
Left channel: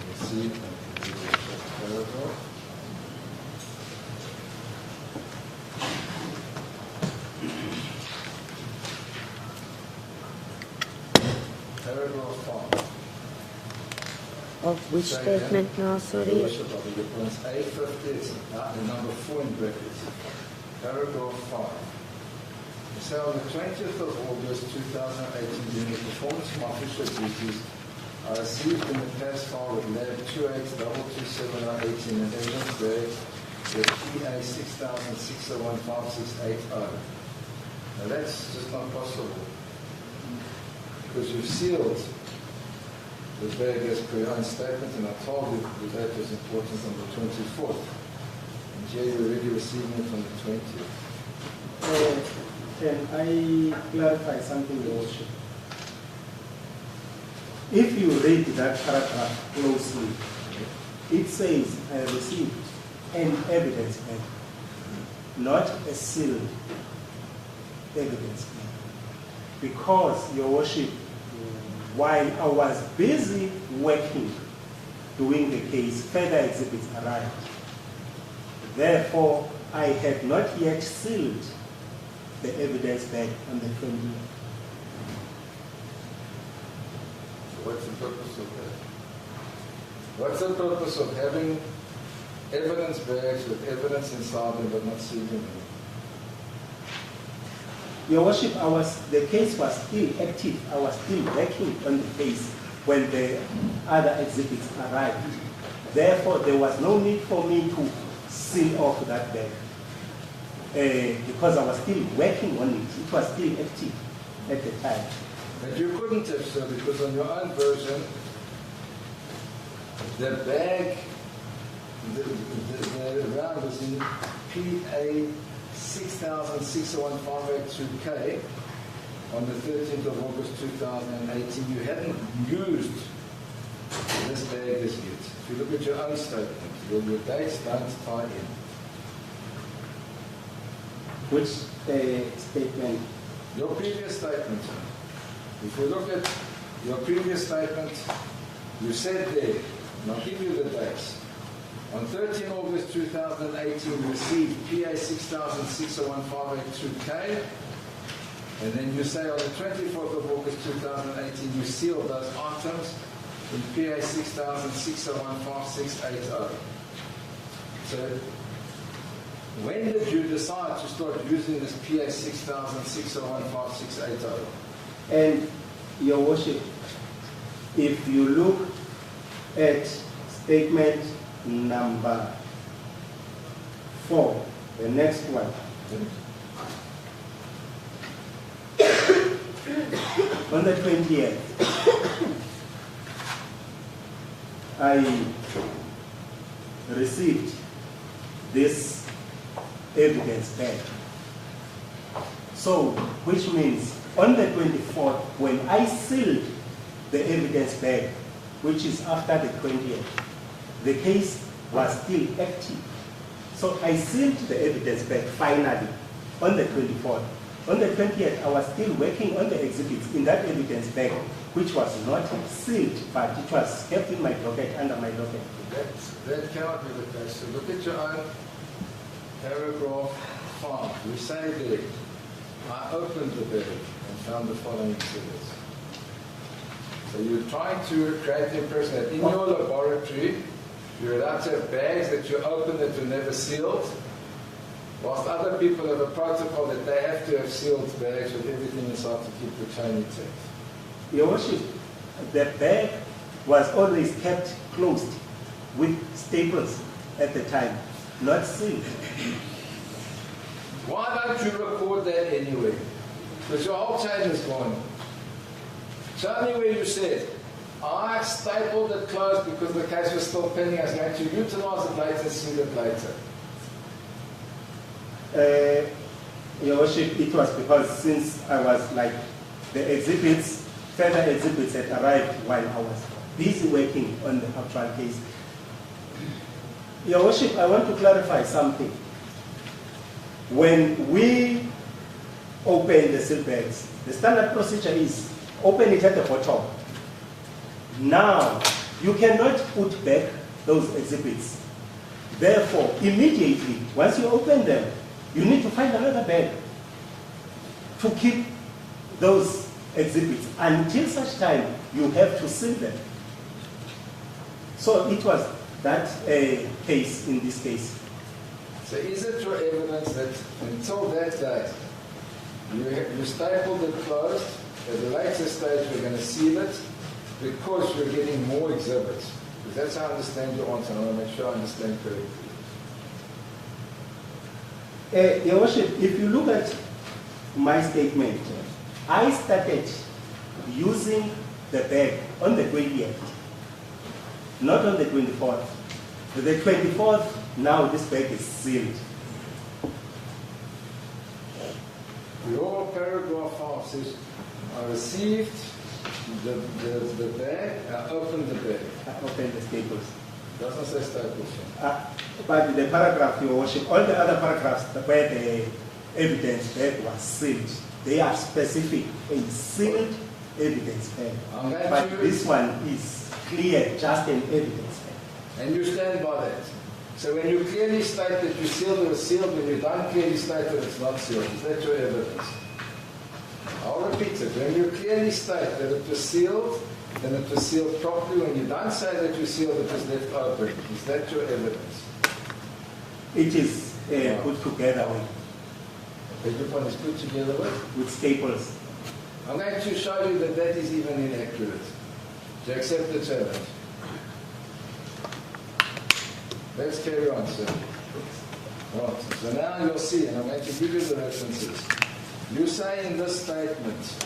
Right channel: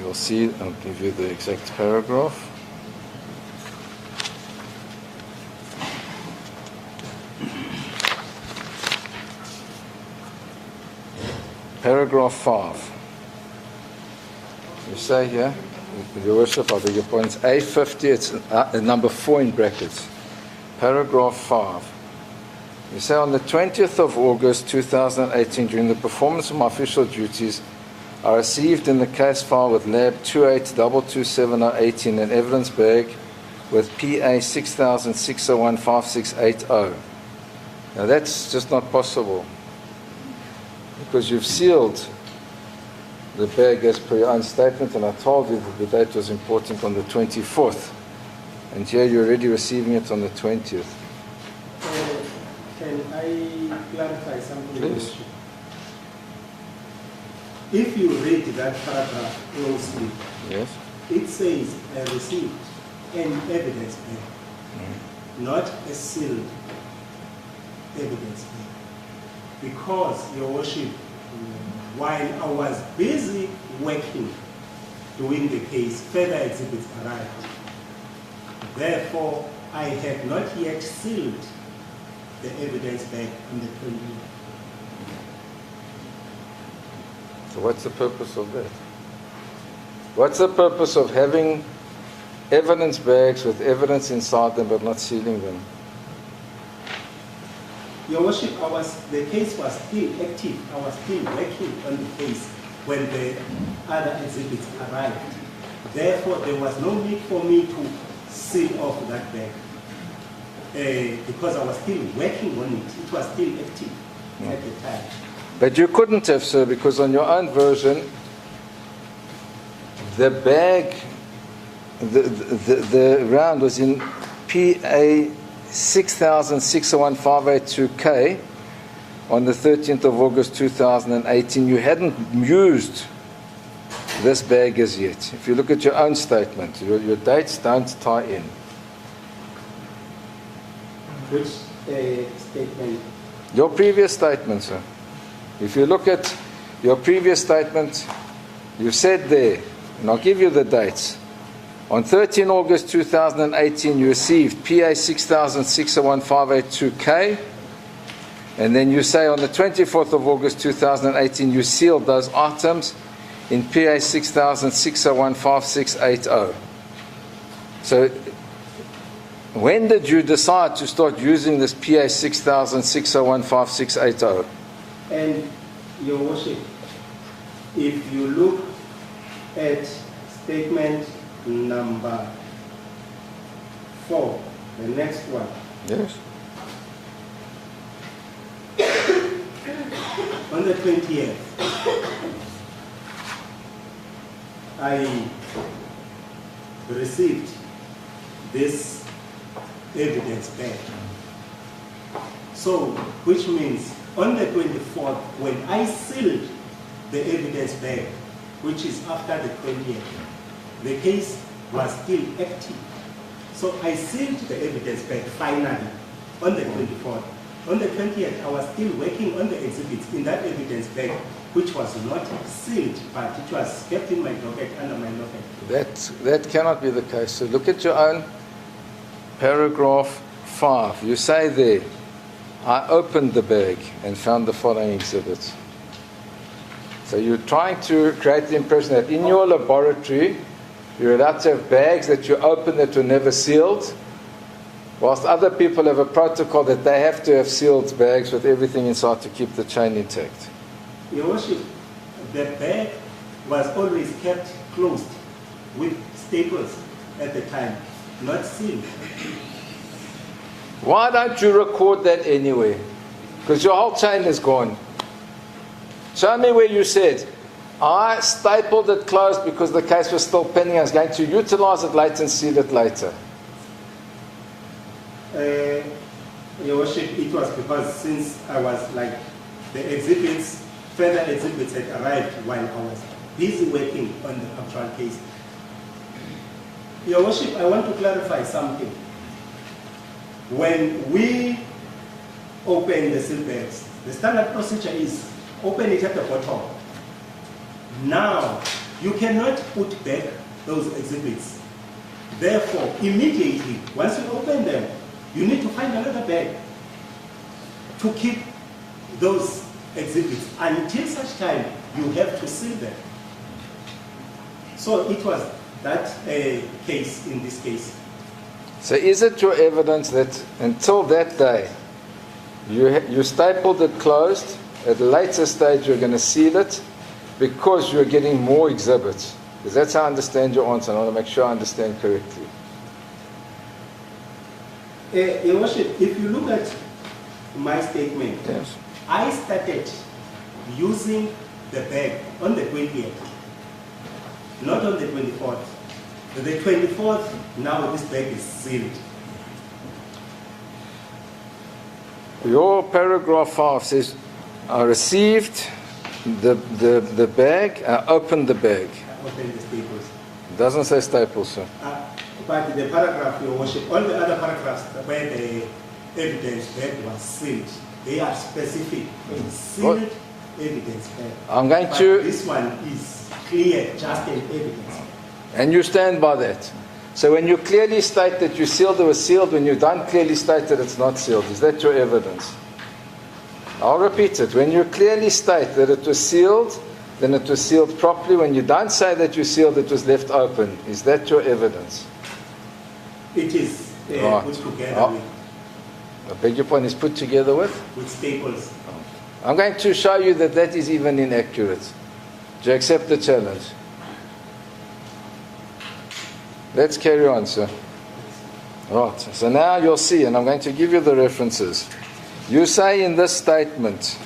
You'll see, I'll give you the exact paragraph. Paragraph 5. Of which Say here, statement now, sorry? Your Worship, I beg your pardon, it's A50, it's number 4 in brackets. Paragraph 5. You say, on the 20th of August 2018, during the performance of my official duties, I received in the case file with lab 28227018 an evidence bag with PA 6006015680. Now that's just not possible because you've sealed the bag as per your own statement, and I told you that the date was important on the 24th, and here you're already receiving it on the 20th. Can I clarify something? Please. If you read that paragraph closely, Yes. it says, I received an evidence bag, not a sealed evidence bag. Because, Your Worship, while I was busy working, doing the case, further exhibits arrived. Therefore, I have not yet sealed the evidence bag on the 20th. So what's the purpose of that? What's the purpose of having evidence bags with evidence inside them but not sealing them? Your Worship, the case was still active. I was still working on the case when the other exhibits arrived. Therefore, there was no need for me to seal off that bag because I was still working on it. It was still active at the time. But you couldn't have, sir, because on your own version, the bag, the round was in PA 60060158 on the 13th of August 2018. You hadn't used this bag as yet. If you look at your own statement, your dates don't tie in. Which statement? Your previous statement, sir. If you look at your previous statement, you said there, and I'll give you the dates. On 13 August 2018, you received PA 60060158 and then you say on the 24th of August 2018, you sealed those items in PA 6006015680. So when did you decide to start using this PA 6006015680? And Your Worship, if you look at statement number 4, the next one. Yes. On the 20th, I received this evidence back. So, which means on the 24th, when I sealed the evidence bag, which is after the 20th, the case was still active. So I sealed the evidence bag finally on the 24th. On the 20th, I was still working on the exhibits in that evidence bag, which was not sealed, but it was kept in my docket under my locker. That cannot be the case. So look at your own paragraph 5. You say there, I opened the bag and found the following exhibits. So you're trying to create the impression that in your laboratory, you're allowed to have bags that you open that were never sealed, whilst other people have a protocol that they have to have sealed bags with everything inside to keep the chain intact. Your Worship, the bag was always kept closed with staples at the time, not sealed. Why don't you record that anyway? Because your whole chain is gone. Show me where you said, I stapled it closed because the case was still pending. I was going to utilize it later and seal it later. Your Worship, it was because since I was like, the exhibits, further exhibits had arrived while I was busy working on the actual case. Your Worship, I want to clarify something. When we open the seal bags, the standard procedure is open it at the bottom. Now, you cannot put back those exhibits. Therefore, immediately, once you open them, you need to find another bag to keep those exhibits until such time you have to seal them. So it was that case in this case. So is it your evidence that until that day, you stapled it closed, at a later stage you're going to seal it because you're getting more exhibits? Because that's how I understand your answer, and I want to make sure I understand correctly. Your Worship, if you look at my statement, Yes. I started using the bag on the 20th, not on the 24th. The 24th, now this bag is sealed. Your paragraph 5 says, I received the bag, I opened the bag. I opened the staples. It doesn't say staples, sir. But the paragraph, Your Worship, all the other paragraphs where the evidence bag was sealed, they are specific in sealed evidence bag. I'm going But to... this one is clear, just an evidence bag. And you stand by that. So when you clearly state that you sealed it was sealed, when you don't clearly state that it's not sealed, is that your evidence? I'll repeat it. When you clearly state that it was sealed, then it was sealed properly. When you don't say that you sealed, it was left open. Is that your evidence? It is Right. put together I beg your pardon, is put together with? with staples. I'm going to show you that that is even inaccurate. Do you accept the challenge? Let's carry on, sir. Right, so now you'll see, and I'm going to give you the references. You say in this statement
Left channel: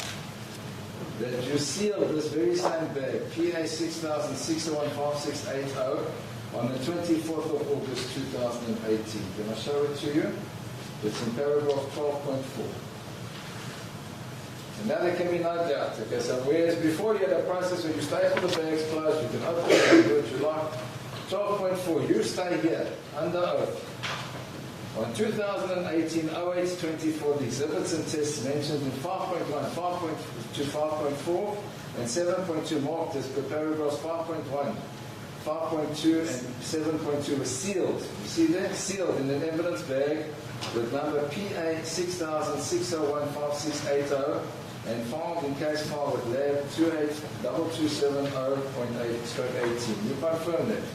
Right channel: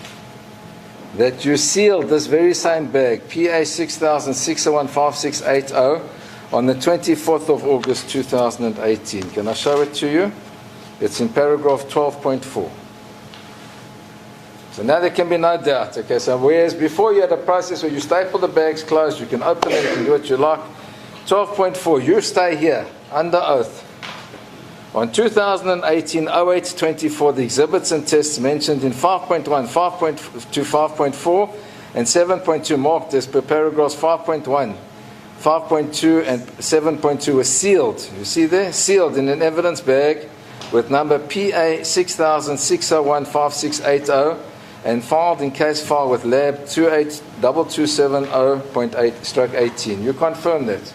that you sealed this very same bag, PA 6006015680, on the 24th of August 2018. Can I show it to you? It's in paragraph 12.4. So now there can be no doubt. Okay, so whereas before you had a process where you staple the bags closed, you can open it, you can do what you like. 12.4, you stay here under oath. On 2018-08-24, the exhibits and tests mentioned in 5.1, 5.2, 5.4, and 7.2 marked as per paragraphs 5.1, 5.2, and 7.2 were sealed. You see there? Sealed in an evidence bag with number PA 6006015680 and filed in case file with lab 282270.8/18. You confirm that?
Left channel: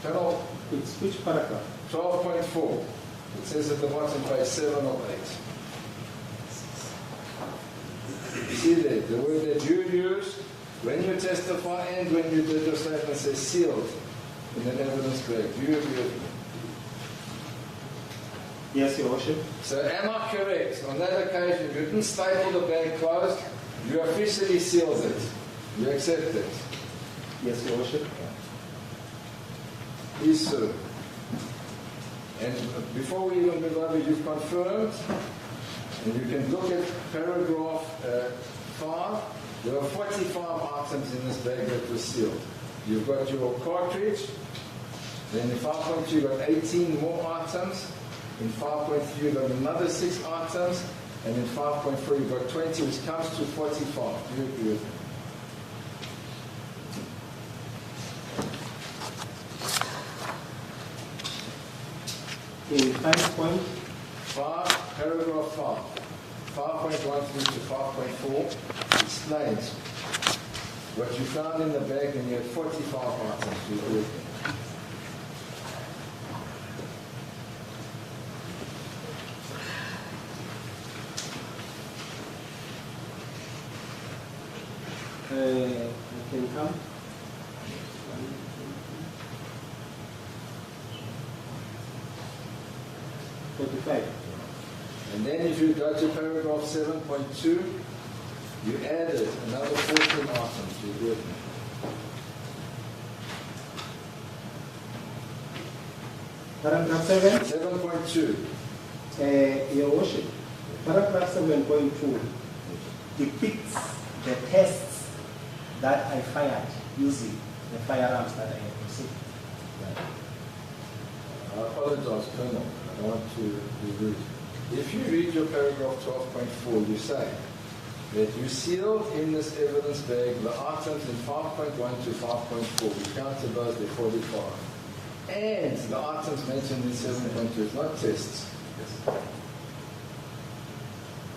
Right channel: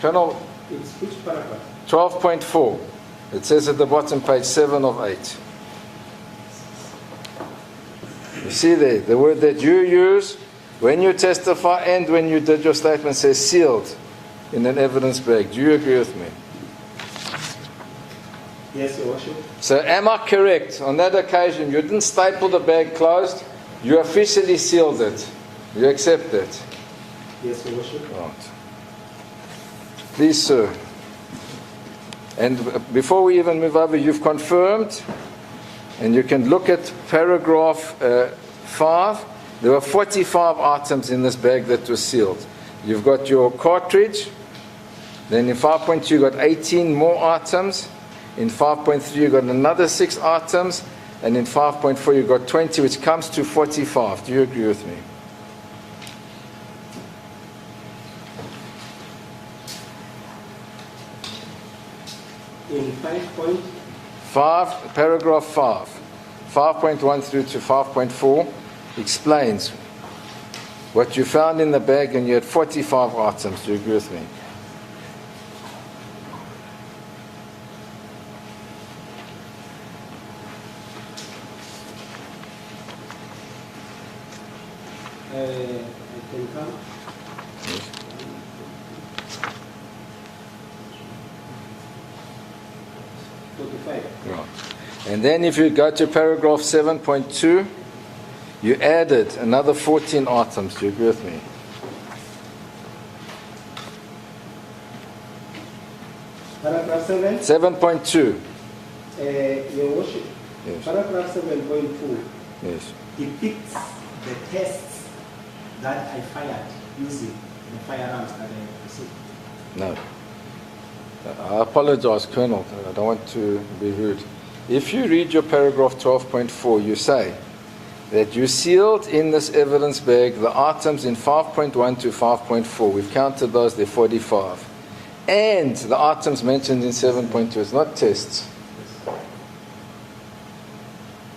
Colonel, It's which paragraph? 12.4. It says at the bottom, page 7 of 8. You see there, the word that you use when you testify and when you did your statement says sealed in an evidence bag. Do you agree with me? Yes, Your Worship. So am I correct? On that occasion, you didn't staple the bag closed. You officially sealed it. You accept it? Yes, Your Worship. Right. Please, sir. And before we even move over, you've confirmed, and you can look at paragraph 5. There were 45 items in this bag that were sealed. You've got your cartridge. Then in 5.2, you've got 18 more items. In 5.3, you've got another 6 items. And in 5.4, you've got 20, which comes to 45. Do you agree with me? In 5, paragraph 5, 5.1 through to 5.4 explains what you found in the bag, and you had 45 items. Do you agree with me? I can come. Right. And then if you go to paragraph 7.2, you added another 14 items. Do you agree with me? Paragraph 7. 7.2. Your Worship. Yes. Paragraph 7.2 Yes. depicts the tests that I fired using the firearms that I received. No. I apologize, Colonel. I don't want to be rude. If you read your paragraph 12.4, you say that you sealed in this evidence bag the items in 5.1 to 5.4. We counted those, they're 45. And the items mentioned in 7.2. It's not tests.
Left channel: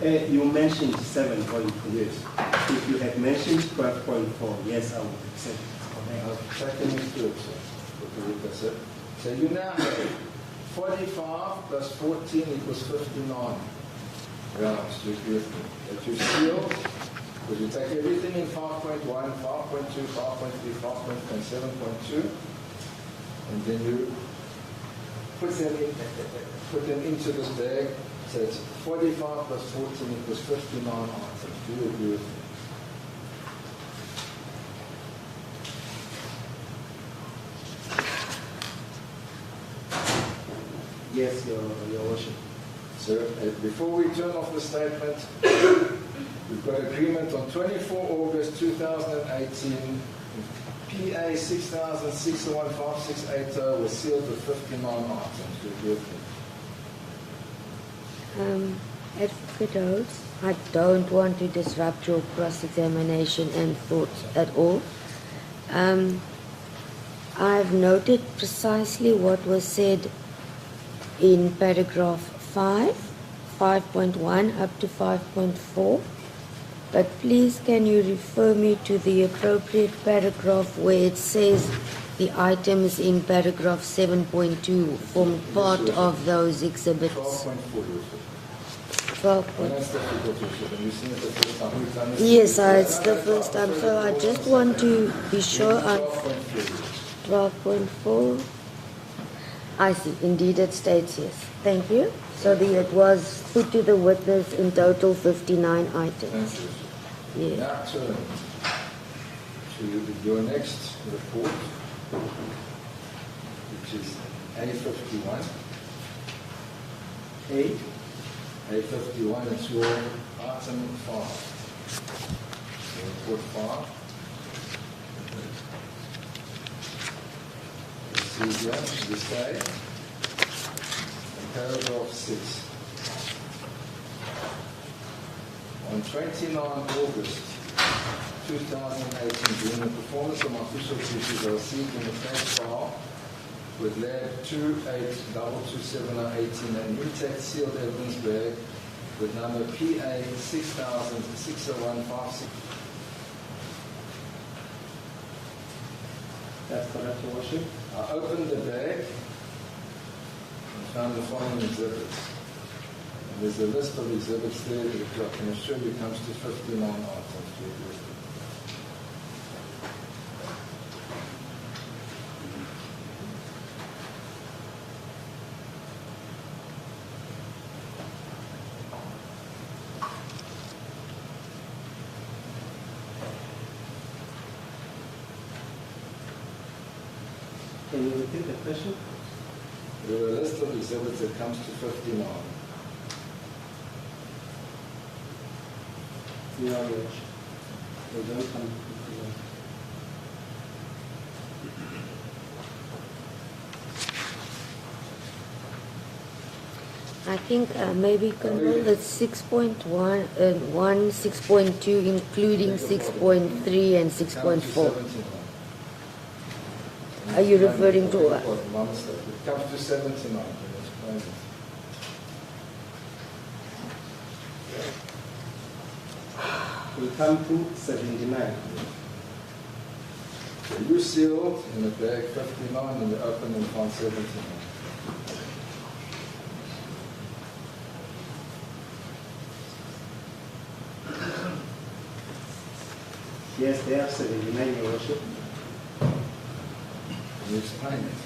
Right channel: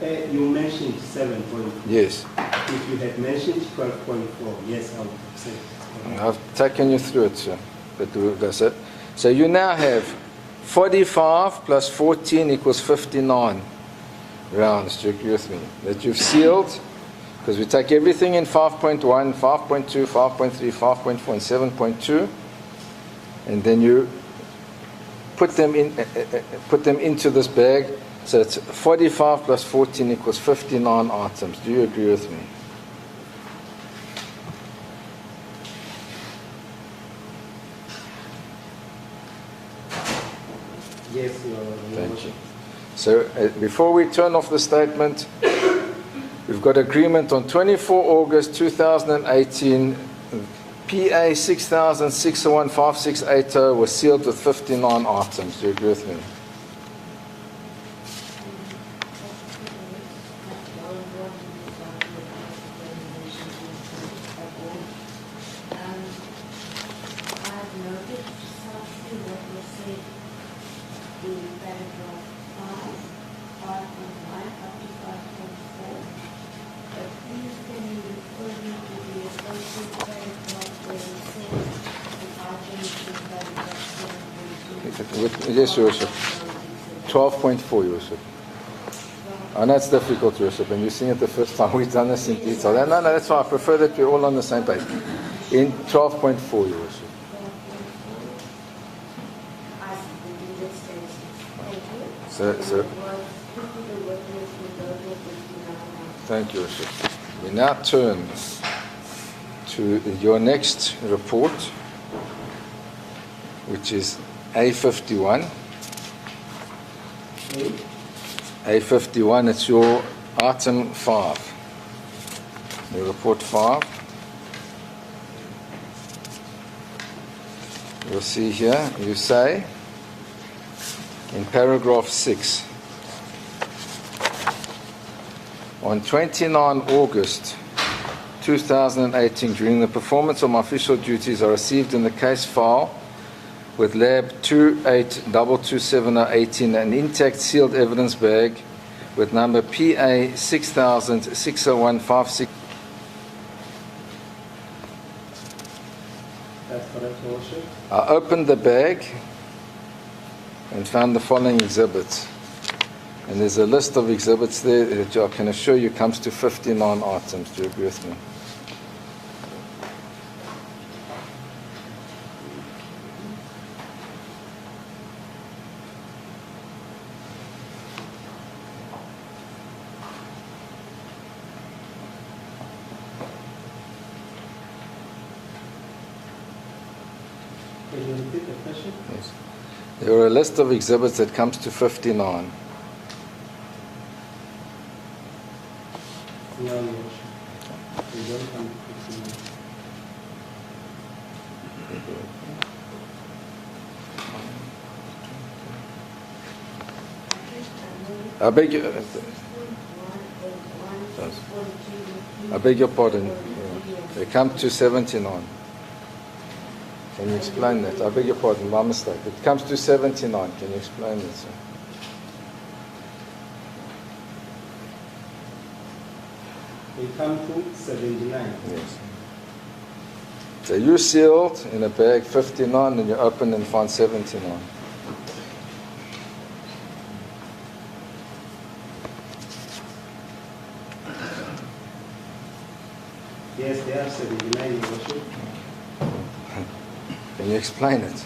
You mentioned 7.4. Yes. If you had mentioned 12.4, yes, I would say it's correct. I've taken you through it, sir. But that's it. So you now have 45 plus 14 equals 59 rounds. Do you agree with me? That you've sealed, because we take everything in 5.1, 5.2, 5.3, 5.4, and 7.2, and then you put them into this bag. So it's 45 plus 14 equals 59 items. Do you agree with me? Yes, Your Worship. So before we turn off the statement, we've got agreement on 24 August 2018, PA 6006015680 was sealed with 59 items. Do you agree with me? I don't want to disrupt your cross-examination and thoughts at all. I've noted precisely what was said in paragraph 5, 5.1 up to 5.4. But please can you refer me to the appropriate paragraph where it says the item is in paragraph 7.2 for part of those exhibits. 12.4, Yusuf. 12. I know it's difficult, Yusuf, and you've seen it the first time we've done this. Yes, no, that's fine. I prefer that we're all on the same page. To be sure In 12.4, Yusuf. 12.4. I see. Indeed, it states yes. Thank you. So it was put to the witness in total 59 items. Thank you, Yusuf. We now turn to your next report, which is A51. A51, it's your item 5. Your report 5. You see here, you say in paragraph 6, on 29 August 2018, during the performance of my official duties, I received in the case file with lab 28227018 an intact sealed evidence bag with number PA 60060156. That's correct, Your Worship. I opened the bag and found the following exhibits. And there's a list of exhibits there that I can assure you comes to 59 items. Do you agree with me? Can you repeat the question? Yes. There are a list of exhibits that comes to 59. No, Your Worship. They don't come to 59. I think maybe I beg your- it's 6.1 and 1, 6.2, I including beg your pardon. 6.3 and They come to 6.4. 79. Can Are you explain that? referring I to beg your what? pardon, my mistake. It comes to 79. Can you explain it, sir? They come to 79. Yes. So you sealed in a bag 59 and you open and find 79. Yes, they are 79, Your Worship. Can you explain it?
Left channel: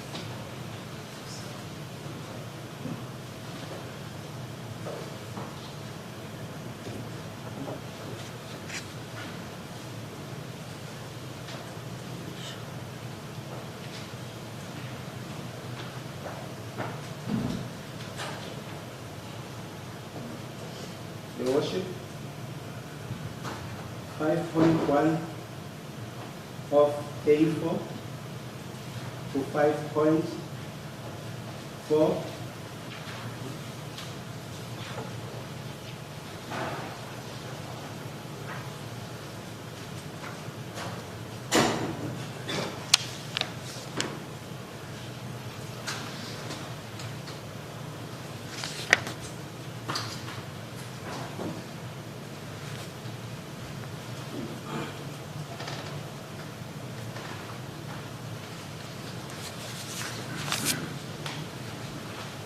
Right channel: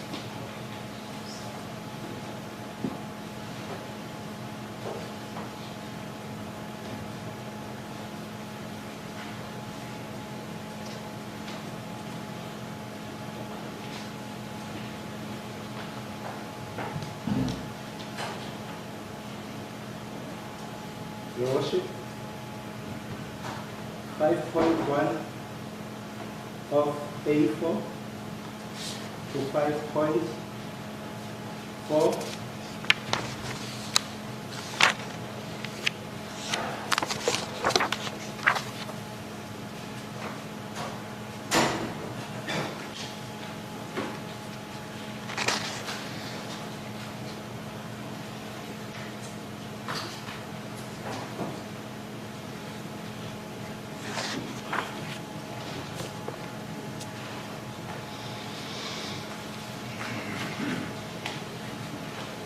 Your Worship, 5.1 of A4 to 5.4.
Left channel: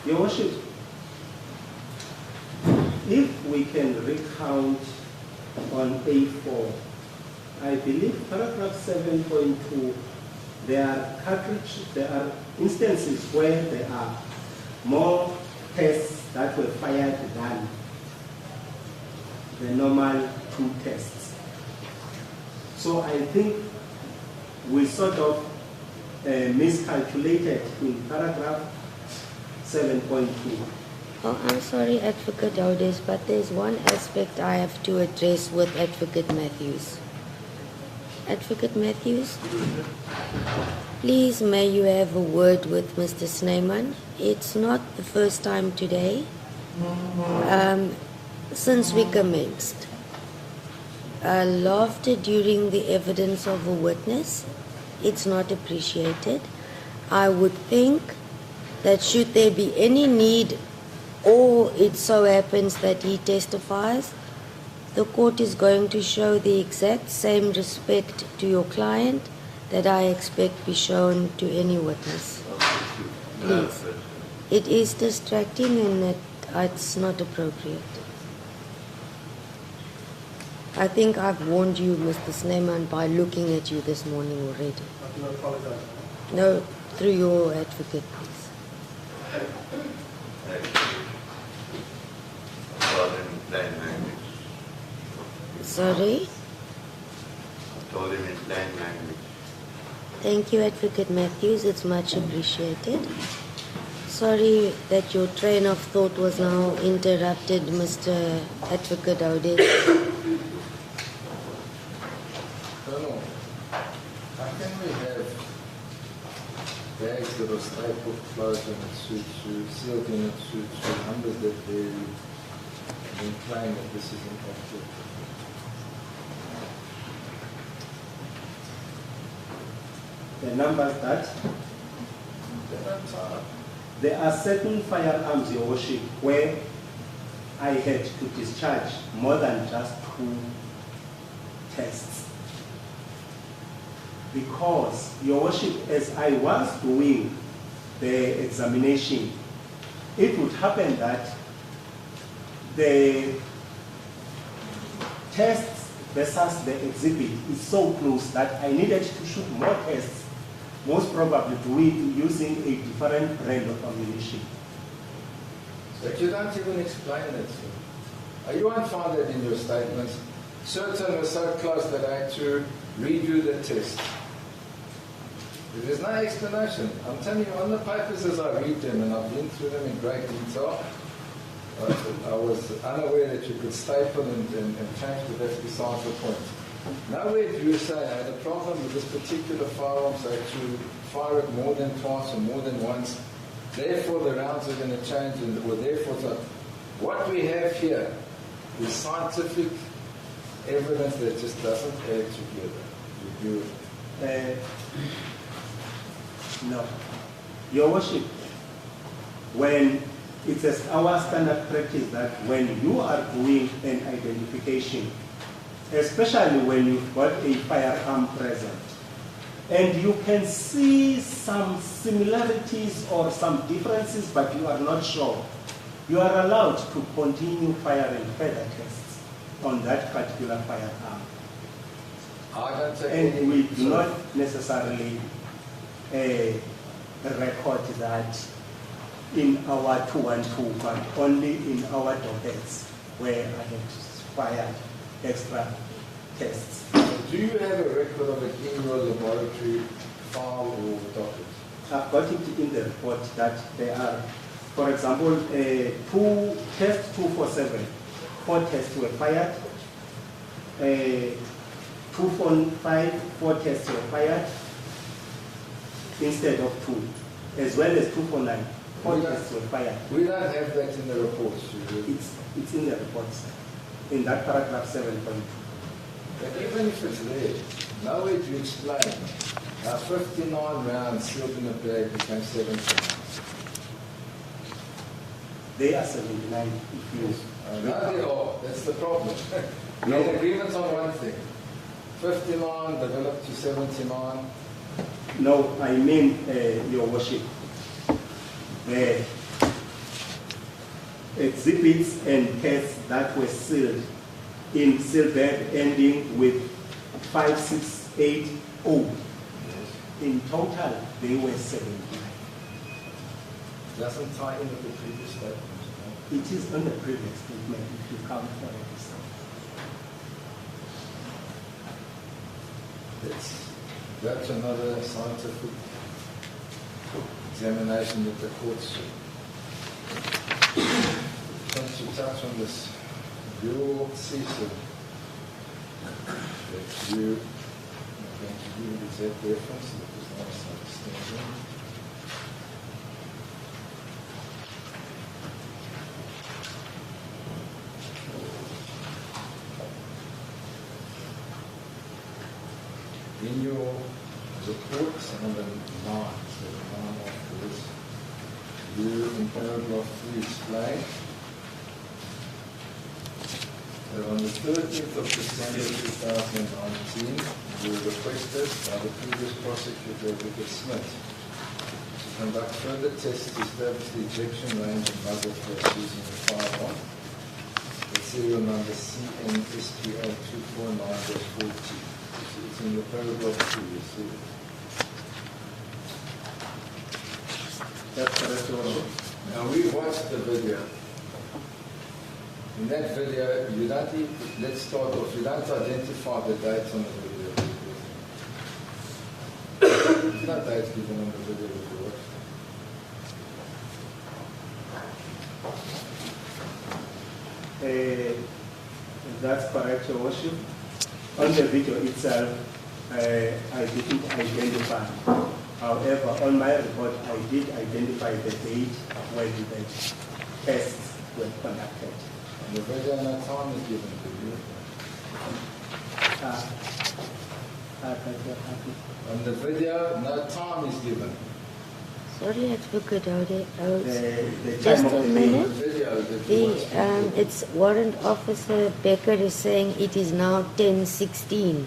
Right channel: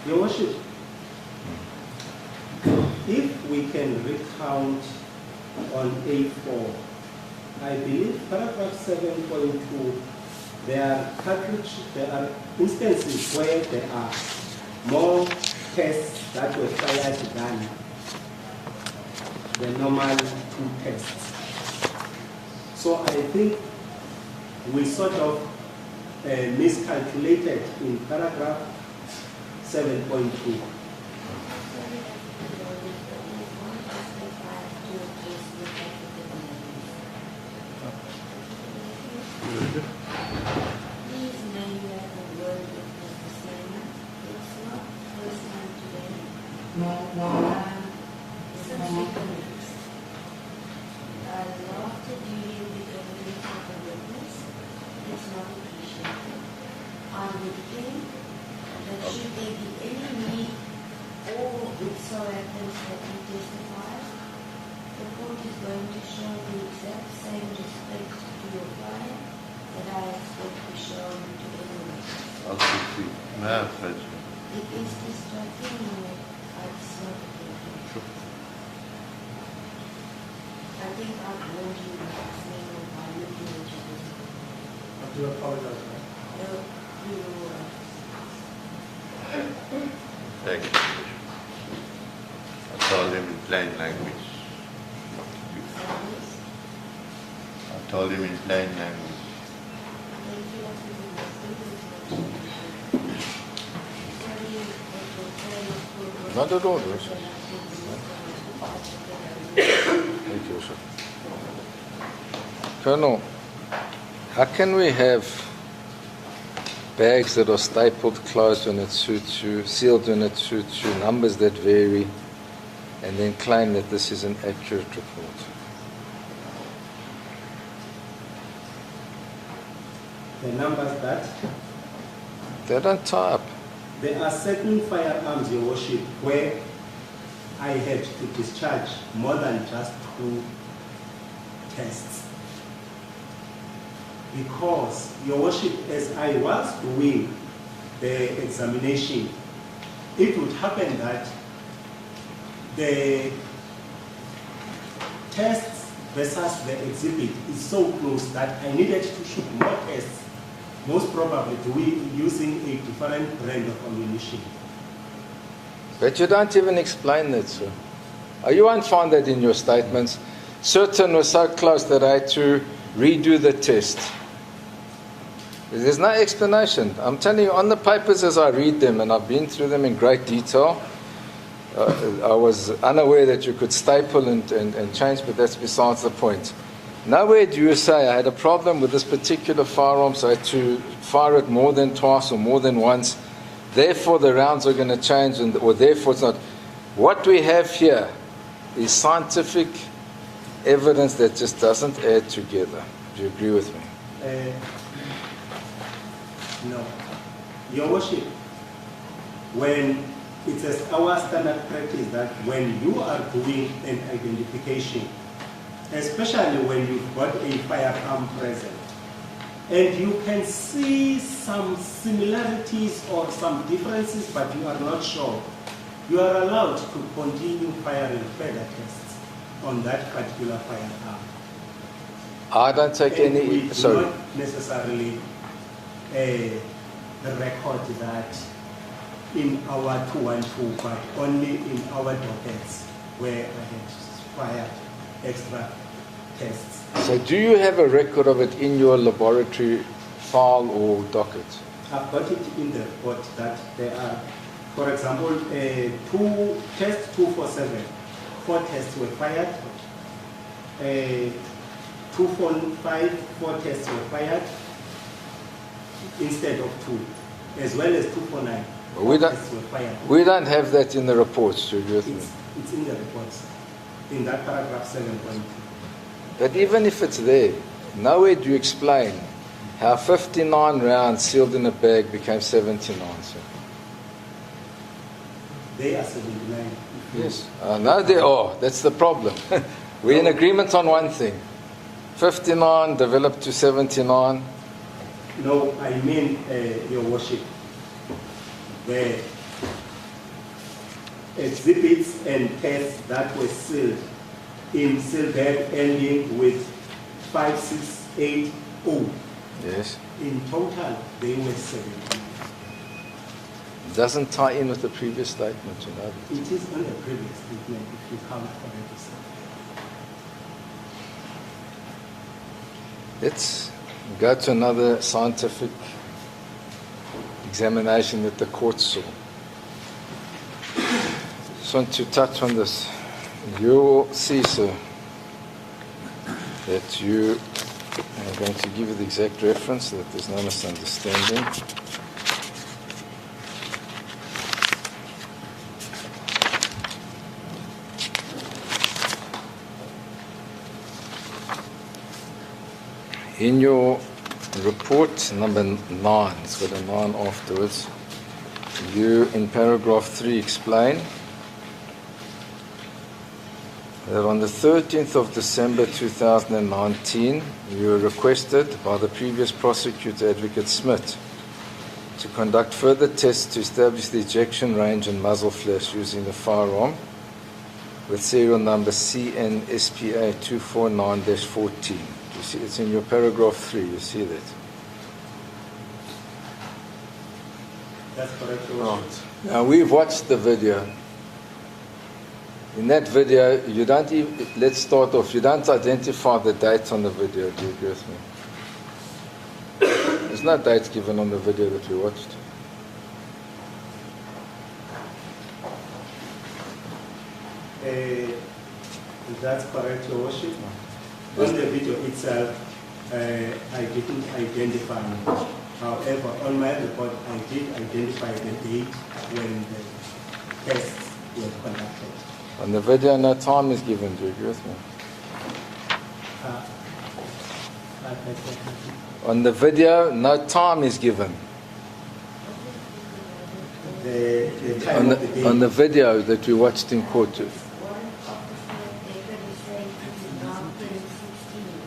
Your Worship, if we can recount on A4, I believe paragraph 7.2, there are instances where there are more tests that were fired than the normal 2 tests. So I think we sort of miscalculated in paragraph 7.2. Oh, I'm sorry, Advocate Dowdes, but there's one aspect I have to address with Advocate Matthews. Advocate Matthews, please may you have a word with Mr. Snyman. It's not the first time today. Since we commenced, laughter during the evidence of a witness it's not appreciated. I would think that should there be any need, or it so happens that he testifies, the court is going to show the exact same respect to your client that I expect be shown to any witness. Yes. It is distracting and that it's not appropriate. I think I've warned you, Mr. Snyman, by looking at you this morning already. You apologize. No, through your advocate, please. Thank you. I told him in plain language. Sorry? I told him in plain language. Thank you, Advocate Matthews. It's much appreciated. Sorry that your train of thought was Not at now all. interrupted, Mr. Advocate Audet. Thank you, sir. Colonel, how can we have bags that are stapled closed when it suits you, sealed when it suits you, numbers that vary, and then claim that this is an accurate report? The numbers that They don't tie up. there are certain firearms, Your Worship, where I had to discharge more than just 2 tests. Because, Your Worship, as I was doing the examination, it would happen that the tests versus the exhibit is so close that I needed to shoot more tests, most probably using a different brand of ammunition. But you don't even explain that, sir. You won't find that in your statements. Certain were so close that I had to redo the test. There's no explanation. I'm telling you, on the papers as I read them, and I've been through them in great detail, I was unaware that you could staple and change, but that's besides the point. Nowhere do you say I had a problem with this particular firearm, so I had to fire it more than twice or more than once. Therefore, the rounds are going to change, or therefore it's not. What we have here is scientific evidence that just doesn't add together. Do you agree with me? No. Your Worship, when it is our standard practice that when you are doing an identification, especially when you've got a firearm present, and you can see some similarities or some differences, but you are not sure, you are allowed to continue firing further tests on that particular firearm. I don't take And any. we do Sorry. not necessarily a record that in our 212, but only in our dockets where I had fired extra tests. So do you have a record of it in your laboratory file or docket? I've got it in the report that there are, for example, 2 tests 247, 4 tests were fired, 245, 4 tests were fired instead of 2, as well as 249. We don't- Tests were fired. We don't have that in the reports, Julius. It's in the reports, in that paragraph 7.2. But even if it's there, nowhere do you explain how 59 rounds sealed in a bag became 79. They are 79. If you- Yes. No, they are. That's the problem. We're in agreement on one thing. 59 developed to 79. No, I mean, Your Worship, the exhibits and tests that were sealed in sealbag ending with 5680. Yes. In total, they were 79. Doesn't tie in with the previous statement, you know. It is on the previous statement if you count for everything. Let's go to another scientific examination that the court saw. Just want to touch on this. You'll see, sir, that you, I'm going to give you the exact reference so that there's no misunderstanding. In your report number 9, it's got a 9 afterwards. You, in paragraph 3, explain that on the 13th of December 2019, you were requested by the previous prosecutor, Advocate Smith, to conduct further tests to establish the ejection range and muzzle flash using a firearm with serial number CNSPA 249-14. You see, it's in your paragraph 3, you see that. That's correct. Now, we've watched the video. In that video, you don't even, let's start off, you don't identify the date on the video, do you agree with me? There's no dates given on the video that we watched. That's correct, Your Worship. On the video itself, I didn't identify it. However, on my report, I did identify the date when the tests were conducted. On the video, no time is given, do you agree with me? On the video, no time is given. Sorry, Advocate, On the video that we watched in court. It's Warrant Officer Becker is saying it is now 10:16.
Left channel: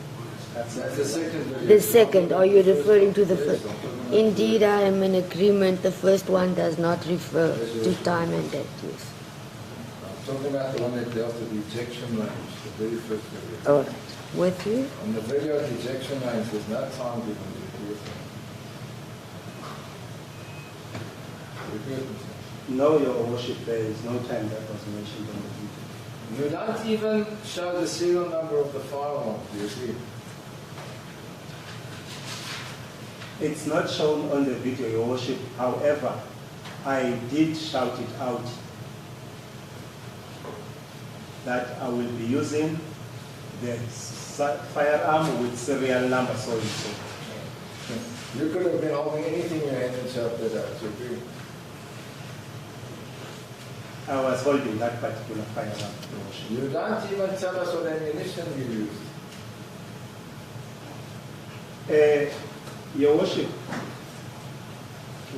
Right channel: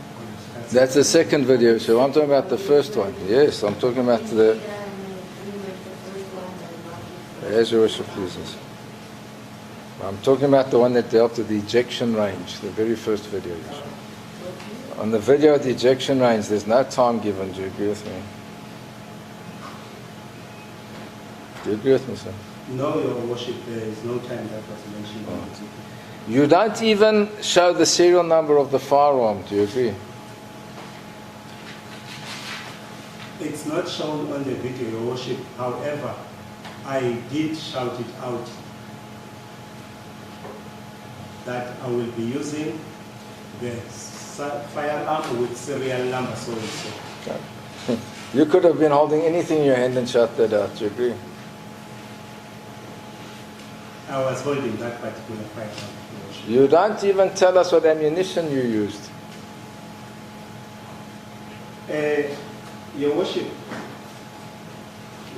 That's the second video, The so I'm talking second, about are the you first referring one. to the Yes, first? I'm talking about Indeed, the... I am in agreement. The first one does not refer As your to worship time and pleases. date. Yes. I'm talking about the one that dealt with the ejection range, the very first video. All right. With you? On the video of the ejection range, there's no time given. Do you agree with me? Do you agree with me, sir? No, Your Worship, there is no time that was mentioned on the video. You don't even show the serial number of the firearm. Do you agree? It's not shown on the video, Your Worship. However, I did shout it out that I will be using the firearm with serial number so and so. You could have been holding anything in your hand and shot that out. Do you agree? I was holding that particular firearm, Your Worship. You don't even tell us what ammunition you used. Your Worship,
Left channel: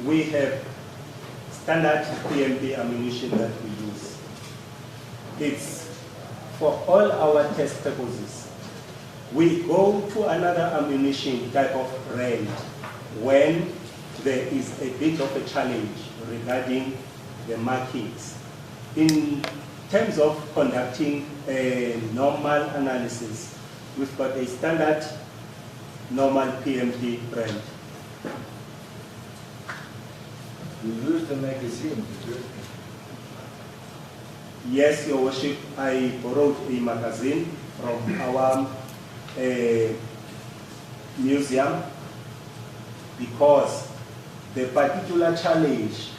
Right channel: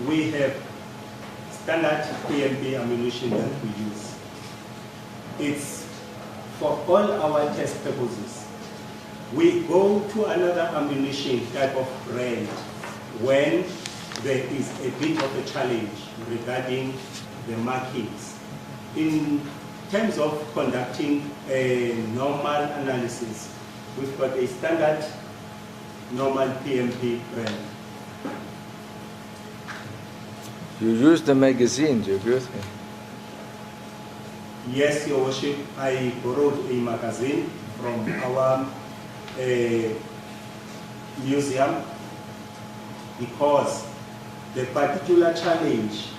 we have standard PMP ammunition that we use. It's for all our test purposes. We go to another ammunition type of range when there is a bit of a challenge regarding the markings. In terms of conducting a normal analysis, we've got a standard normal PMP range. You used the magazine. Do you agree with me? Yes, Your Worship, I borrowed a magazine from our museum because the particular challenge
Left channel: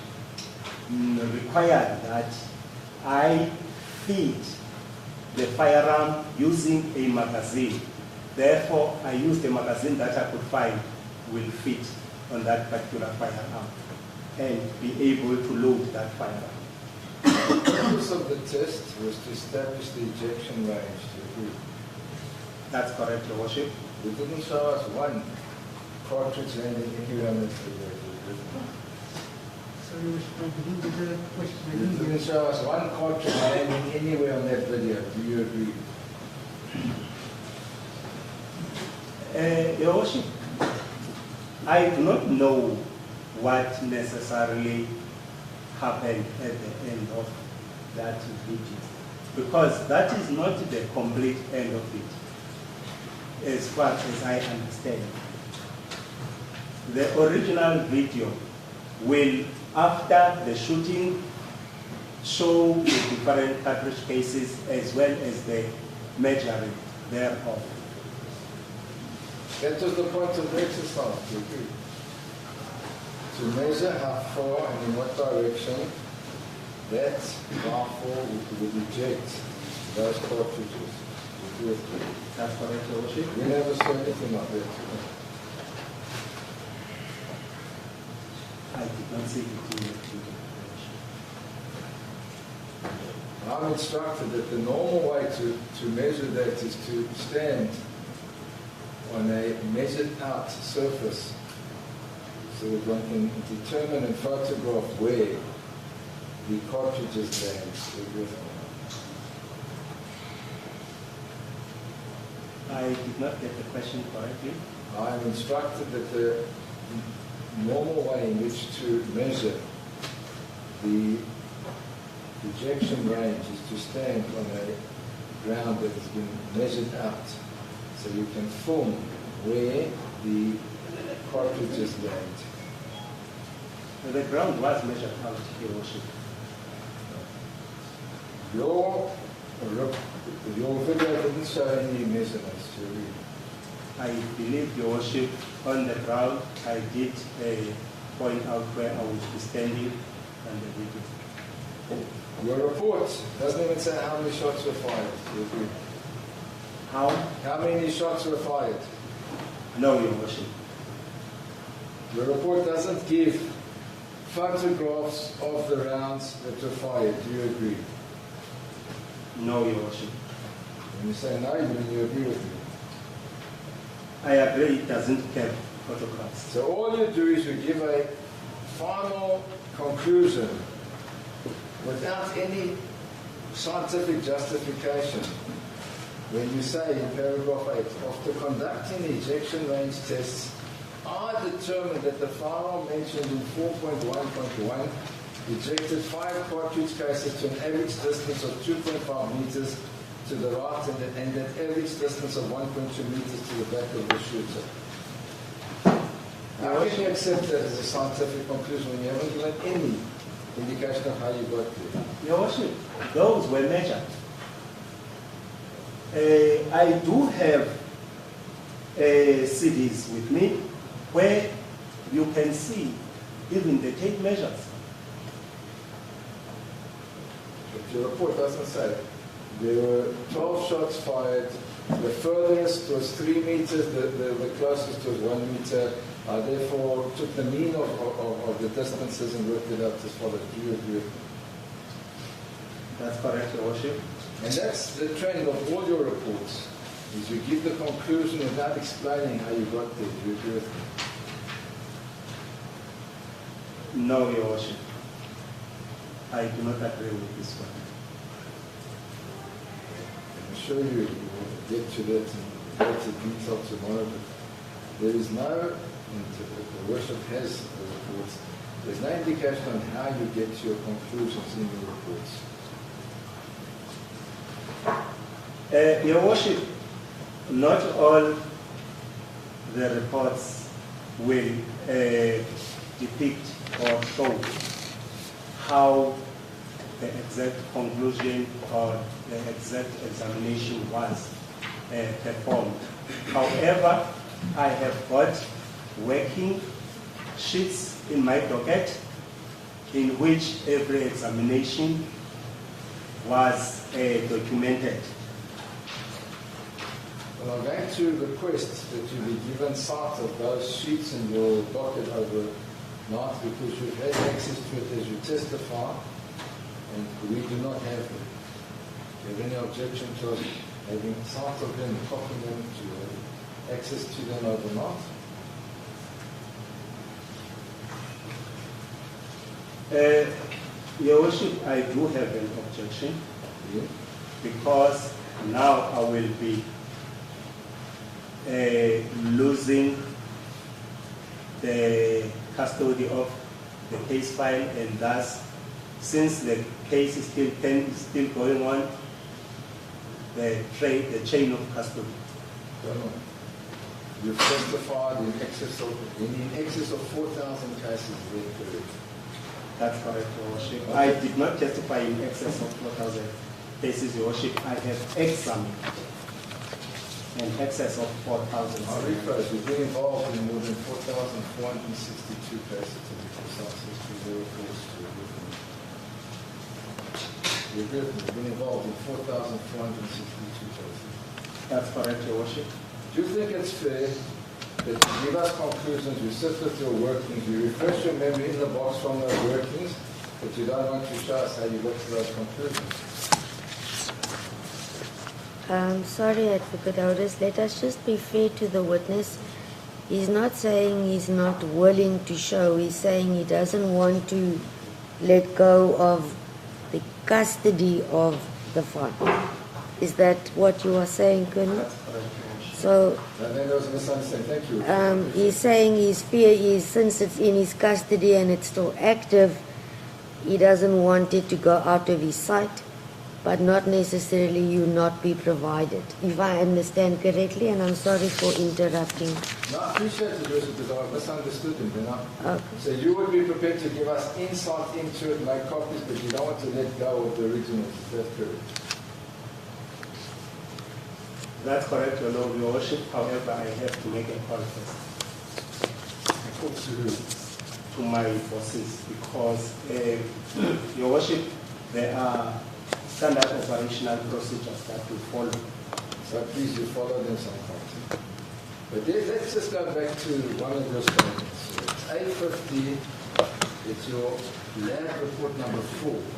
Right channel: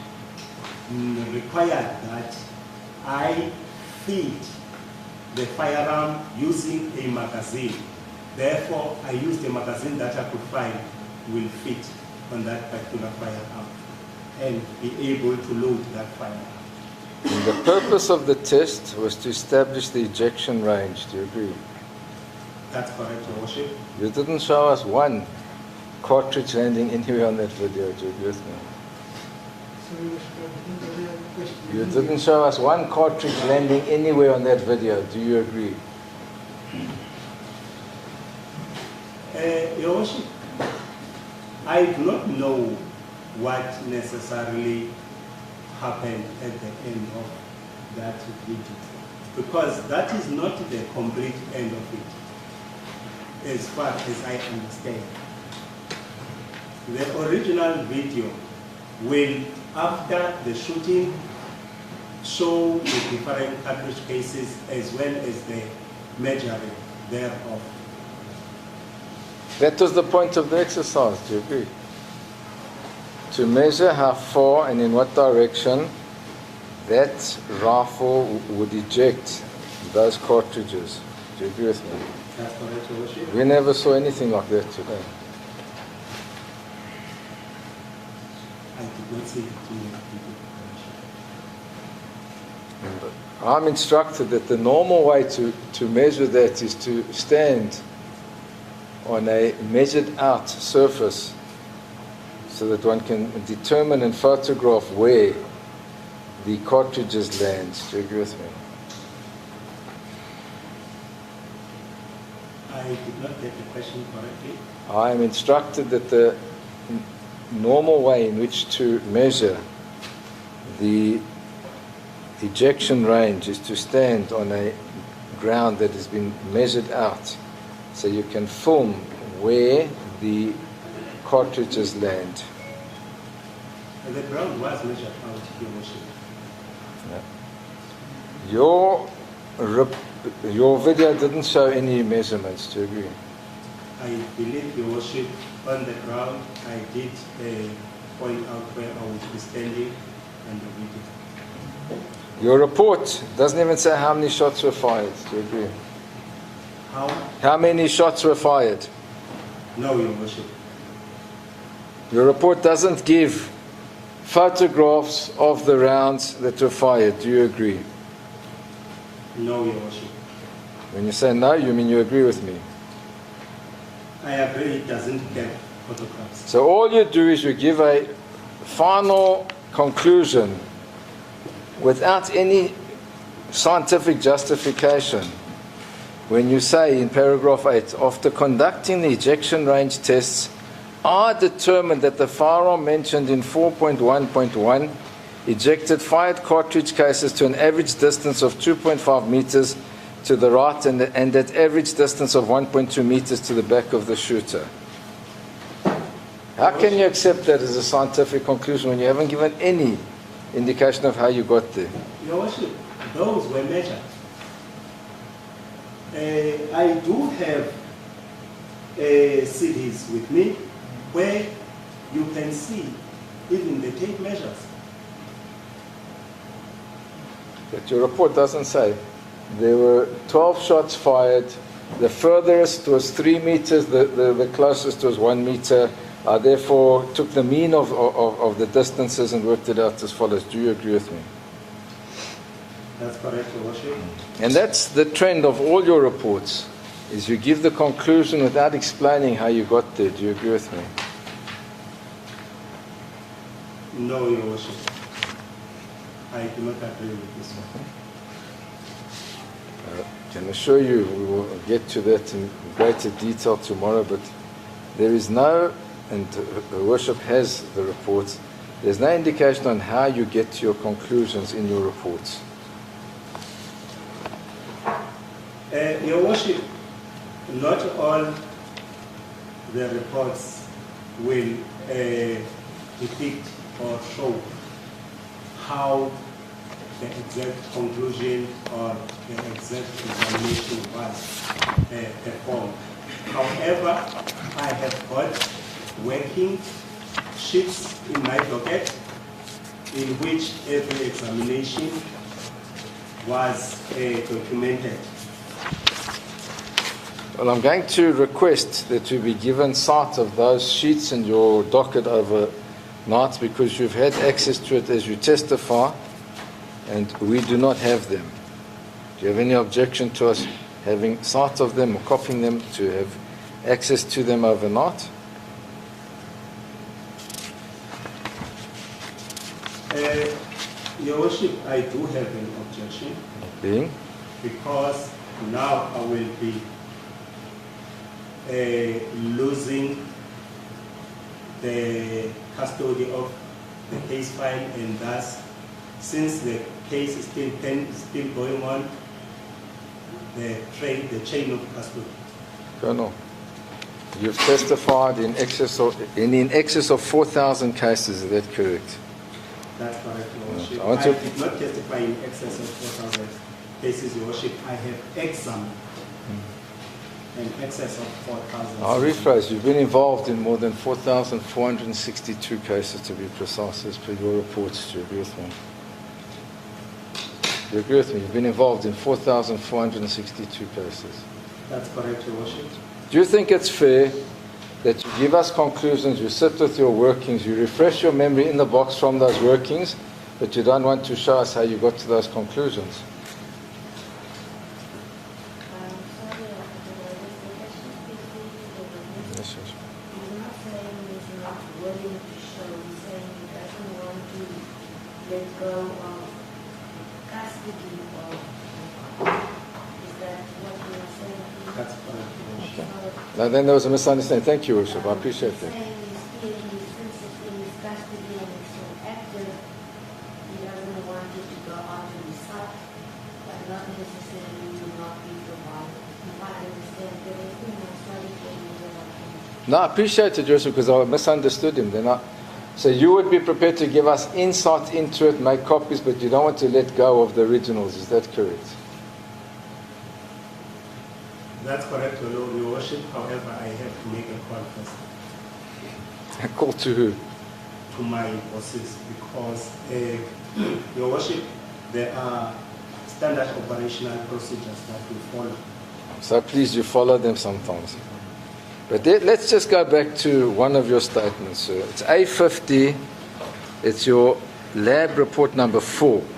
required that I feed the firearm using a magazine. Therefore, I used a magazine that I could find will fit on that particular firearm and be able to load that firearm. And the purpose of the test was to establish the ejection range. Do you agree? That's correct, Your Worship. You didn't show us one cartridge landing anywhere on that video. Do you agree with me? You didn't show us one cartridge landing anywhere on that video. Do you agree? Your Worship, I do not know what necessarily happened at the end of that video, because that is not the complete end of it, as far as I understand. The original video will, after the shooting, show the different cartridge cases as well as the measuring thereof. That was the point of the exercise. Do you agree? To measure how far and in what direction that rifle would eject those cartridges. Do you agree with me? That's correct, Your Worship. We never saw anything like that today. I did not see it in the video. I'm instructed that the normal way to measure that is to stand on a measured out surface so that one can determine and photograph where the cartridges land. Do you agree with me? I did not get the question correctly. I am instructed that the normal way in which to measure the ejection range is to stand on a ground that has been measured out, so you can film where the cartridges land. And the ground was measured out, Your Worship. Your video didn't show any measurements, do you agree? I believe, Your Worship, on the ground, I did point out where I would be standing on the video. Your report doesn't even say how many shots were fired, do you agree? How many shots were fired? No, Your Worship. Your report doesn't give photographs of the rounds that were fired, do you agree? No, Your Worship. When you say no, you mean you agree with me? I agree it doesn't have photographs. So all you do is you give a final conclusion without any scientific justification. When you say in paragraph 8, after conducting the ejection range tests, I determined that the firearm mentioned in 4.1.1 ejected 5 cartridge cases to an average distance of 2.5 meters to the right and at average distance of 1.2 meters to the back of the shooter. How can you accept that as a scientific conclusion when you haven't given any indication of how you got there? Your Worship, those were measured. I do have CDs with me where you can see even the tape measures. But your report doesn't say. There were 12 shots fired. The furthest was 3 meters. The closest was 1 meter. I therefore took the mean of the distances and worked it out as follows. Do you agree with me? That's correct, Your Worship. And that's the trend of all your reports, is you give the conclusion without explaining how you got there. Do you agree with me? No, Your Worship. I do not agree with this one. I can assure you we will get to that in greater detail tomorrow, but there is no, and the Worship has the reports, there's no indication on how you get to your conclusions in your reports. Your Worship, not all the reports will depict or show how the exact conclusion or the exact examination was performed. However, I have got working sheets in my docket in which every examination was documented. Well, I'm going to request that you be given sight of those sheets in your docket overnight, because you've had access to it as you testify, and we do not have them. Do you have any objection to us having sight of them or copying them, to have access to them overnight? Your Worship, I do have an objection. Being? Because now I will be losing the custody of the case file, and thus, since the case is still going on, the chain of custody. Colonel, you've testified in excess of 4,000 cases. Is that correct? That's correct, Your Worship. I did not testify in excess of 4,000 cases, Your Worship. I have examined in excess of 4,000. I'll rephrase. You've been involved in more than 4,462 cases, to be precise, as per your reports. Do you agree with me? Do you agree with me? You've been involved in 4,462 cases. That's correct, Your Worship. Do you think it's fair that you give us conclusions, you sit with your workings, you refresh your memory in the box from those workings, but you don't want to show us how you got to those conclusions? Sorry, Advocate Otis, let us just be fair to the witness. He's not saying he's not willing to show. He's saying he doesn't want to let go of the custody of the fund. Is that what you are saying, Colonel? That's correct, Your Worship. So Now then there was a misunderstanding. Thank you, Worship. I appreciate he's that. saying his fear is, since it's in his custody and it's still active, he doesn't want it to go out of his sight, but not necessarily you not be provided. If I understand correctly, and I'm sorry for interrupting. No, I appreciate it, Joseph, because I misunderstood him. Then so you would be prepared to give us insight into it, make copies, but you don't want to let go of the originals. Is that correct? That's correct, Your Worship. However, I have to make a call first A call to who? to my bosses because, Your Worship, there are standard operational procedures that we follow. So please, you follow them sometimes. But let's just go back to one of your statements, sir. It's A50. It's your lab report number 4. Just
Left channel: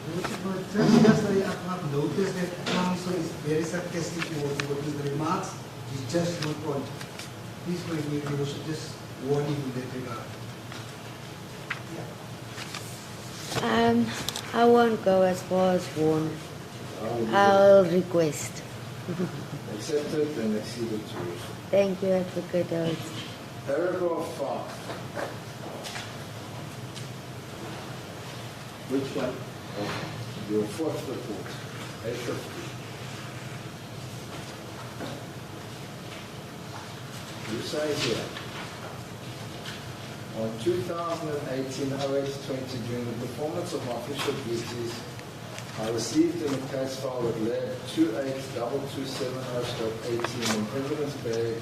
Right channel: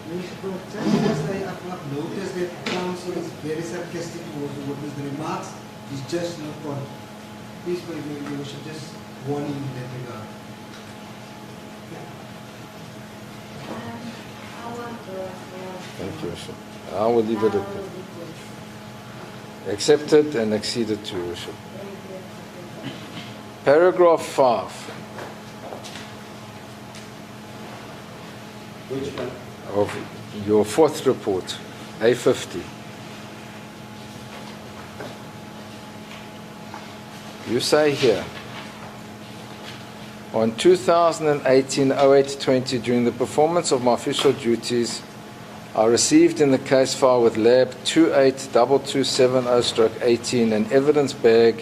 because I have noticed that counsel is very sarcastic towards the witness. The remarks is just not on. Please, you should just warn him in that regard. I won't go as far as warn. I will leave it I'll request. at accepted and acceded to, Worship. Thank you, Advocate Otis. Paragraph 5 Which one? of your 4th report, A50. You say here, on 2018-08-20, during the performance of my official duties, I received in the case file with lab 282270-18 an evidence bag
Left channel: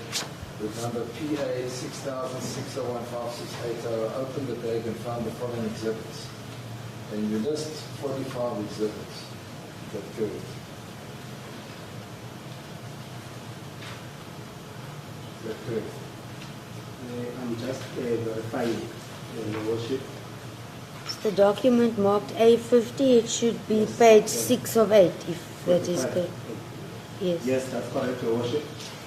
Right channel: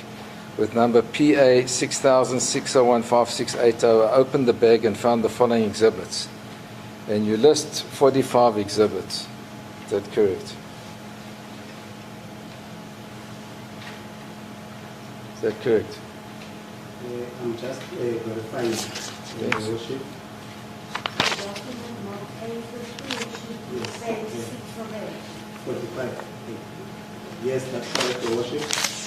with number PA 6006015680. I opened the bag and found the following exhibits. And you list 45 exhibits. Is that correct? Is that correct? I'm just verifying, Your Worship. The document marked A50, it should be page 6 of 8, if that is correct. Yes. Yes, that's correct, Your Worship.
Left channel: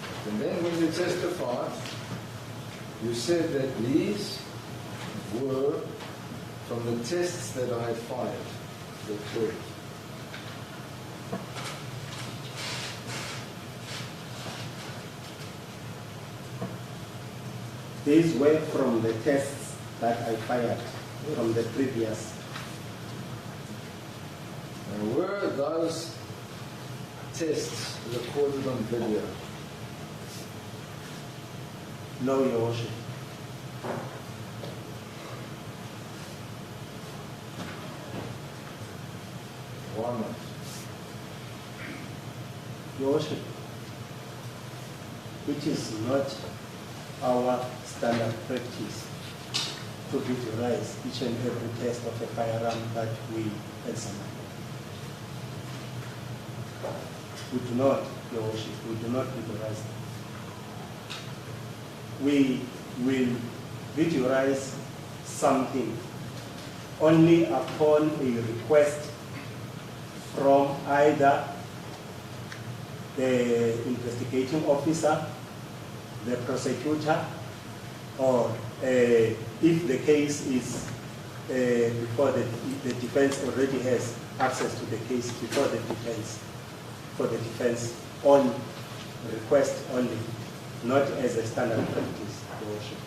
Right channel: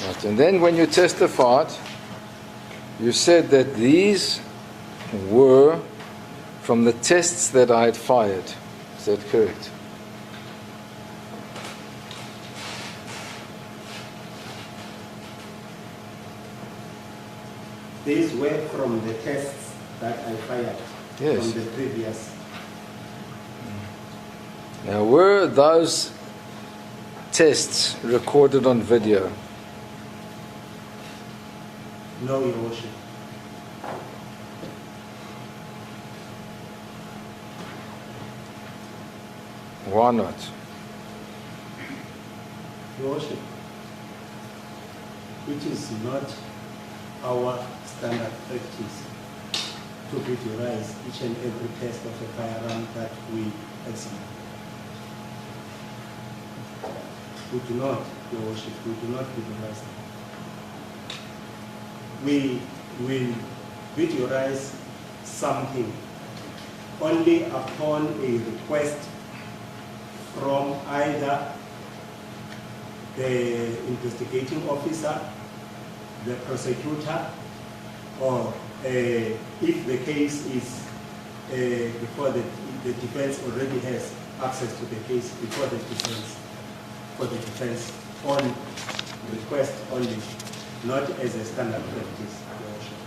Right. And then when you testified, you said that these were from the tests that I had fired. Is that correct? These were from the tests that I fired Yes. from the previous. Now, were those tests recorded on video? No, Your Worship. Why not? Your Worship, it is not our standard practice to visualize each and every test of a firearm that we examine. We do not, Your Worship, we do not visualize them. We will visualize something only upon a request from either the investigating officer, the prosecutor, or if the case is before the defense already has access to the case before the defense, for the defense on request only, not as a standard practice, Your Worship.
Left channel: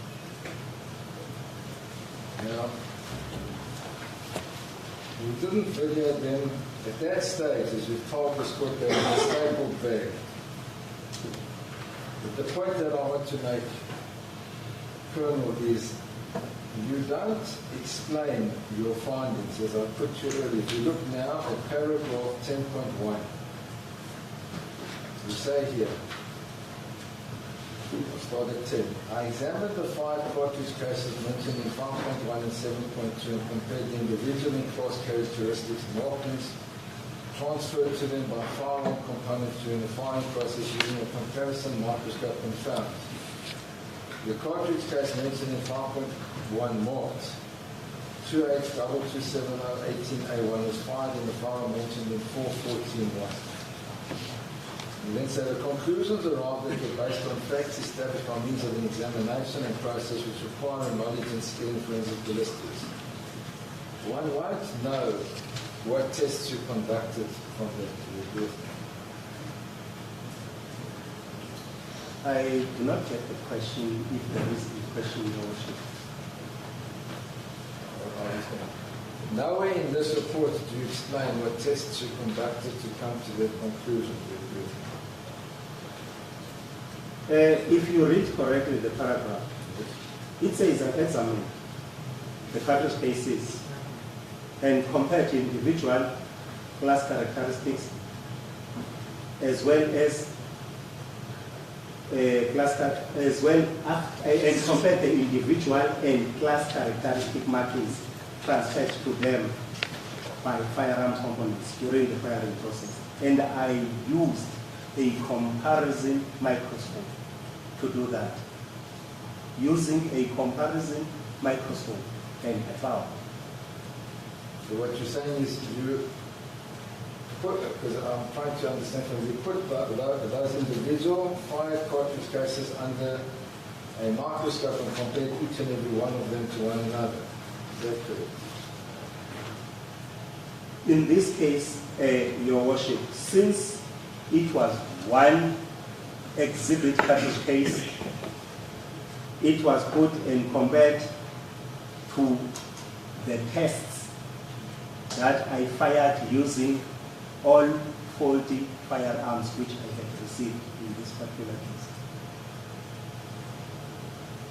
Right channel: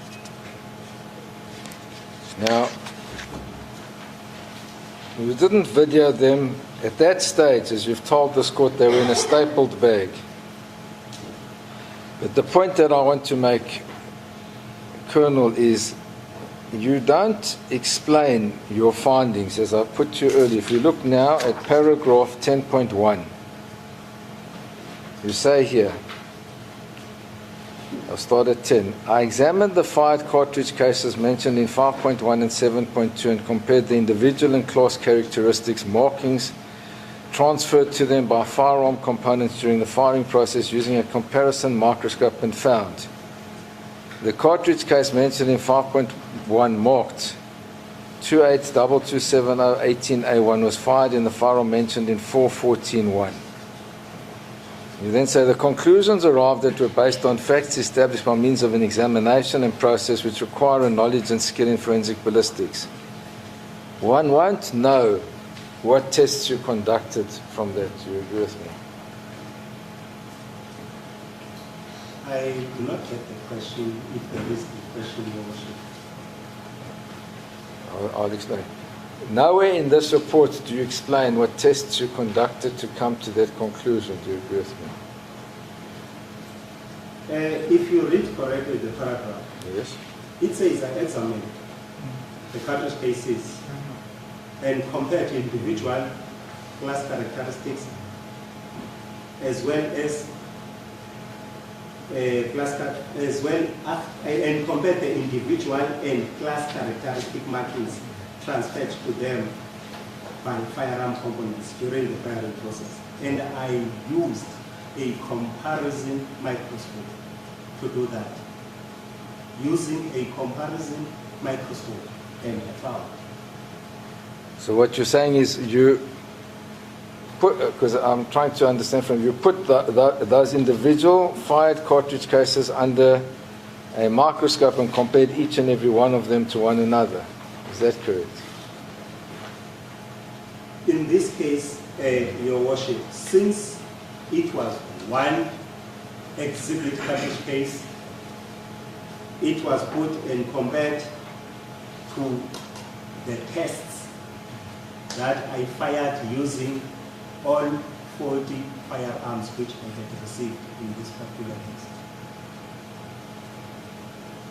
Now, you didn't video them at that stage, as you've told this court, they were in a stapled bag. But the point that I want to make, Colonel, is you don't explain your findings, as I put to you earlier. If you look now at paragraph 10.1, you say here, I'll start at 10. I examined the fired cartridge cases mentioned in 5.1 and 7.2 and compared the individual and class characteristics, markings transferred to them by firearm components during the firing process using a comparison microscope and found the cartridge case mentioned in 5.1 marked 28227018A1 was fired in the firearm mentioned in 4.14.1. You then say the conclusions arrived at were based on facts established by means of an examination and process which require a knowledge and skill in forensic ballistics. One won't know what tests you conducted from that. Do you agree with me? I do not get the question, if there is the question, Your Worship. I'll explain. Nowhere in this report do you explain what tests you conducted to come to that conclusion. Do you agree with me? If you read correctly the paragraph, Yes. it says that examine the cartridge cases and compare to individual class characteristics and compare the individual and class characteristic markings transferred to them by firearm components during the firing process. And I used a comparison microscope to do that. Using a comparison microscope and I found. So what you're saying is you put, because I'm trying to understand from you, put those individual fired cartridge cases under a microscope and compared each and every one of them to one another. Is that correct? In this case, Your Worship, since it was one exhibit cartridge case, it was put and compared to the tests that I fired using all 40 firearms which I had received in this particular case.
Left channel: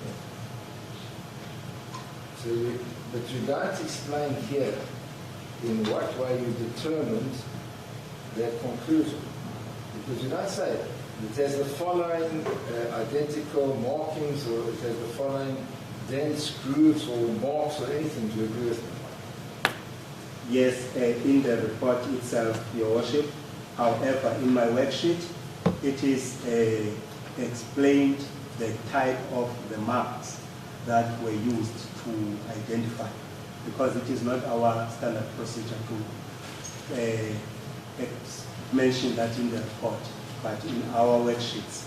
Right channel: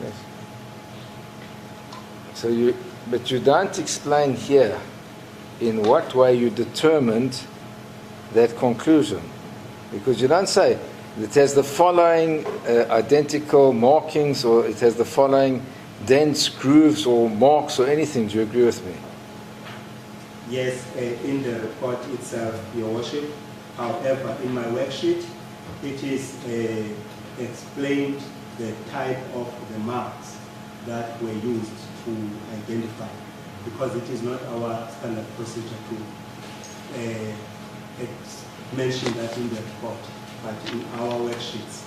Yes. So but you don't explain here in what way you determined that conclusion. Because you don't say it has the following identical markings, or it has the following dents, grooves, or marks, or anything. Do you agree with me? Yes, in the report itself, Your Worship. However, in my worksheet, it is explained the type of the marks that were used to identify, because it is not our standard procedure to mention that in the report, but in our worksheets.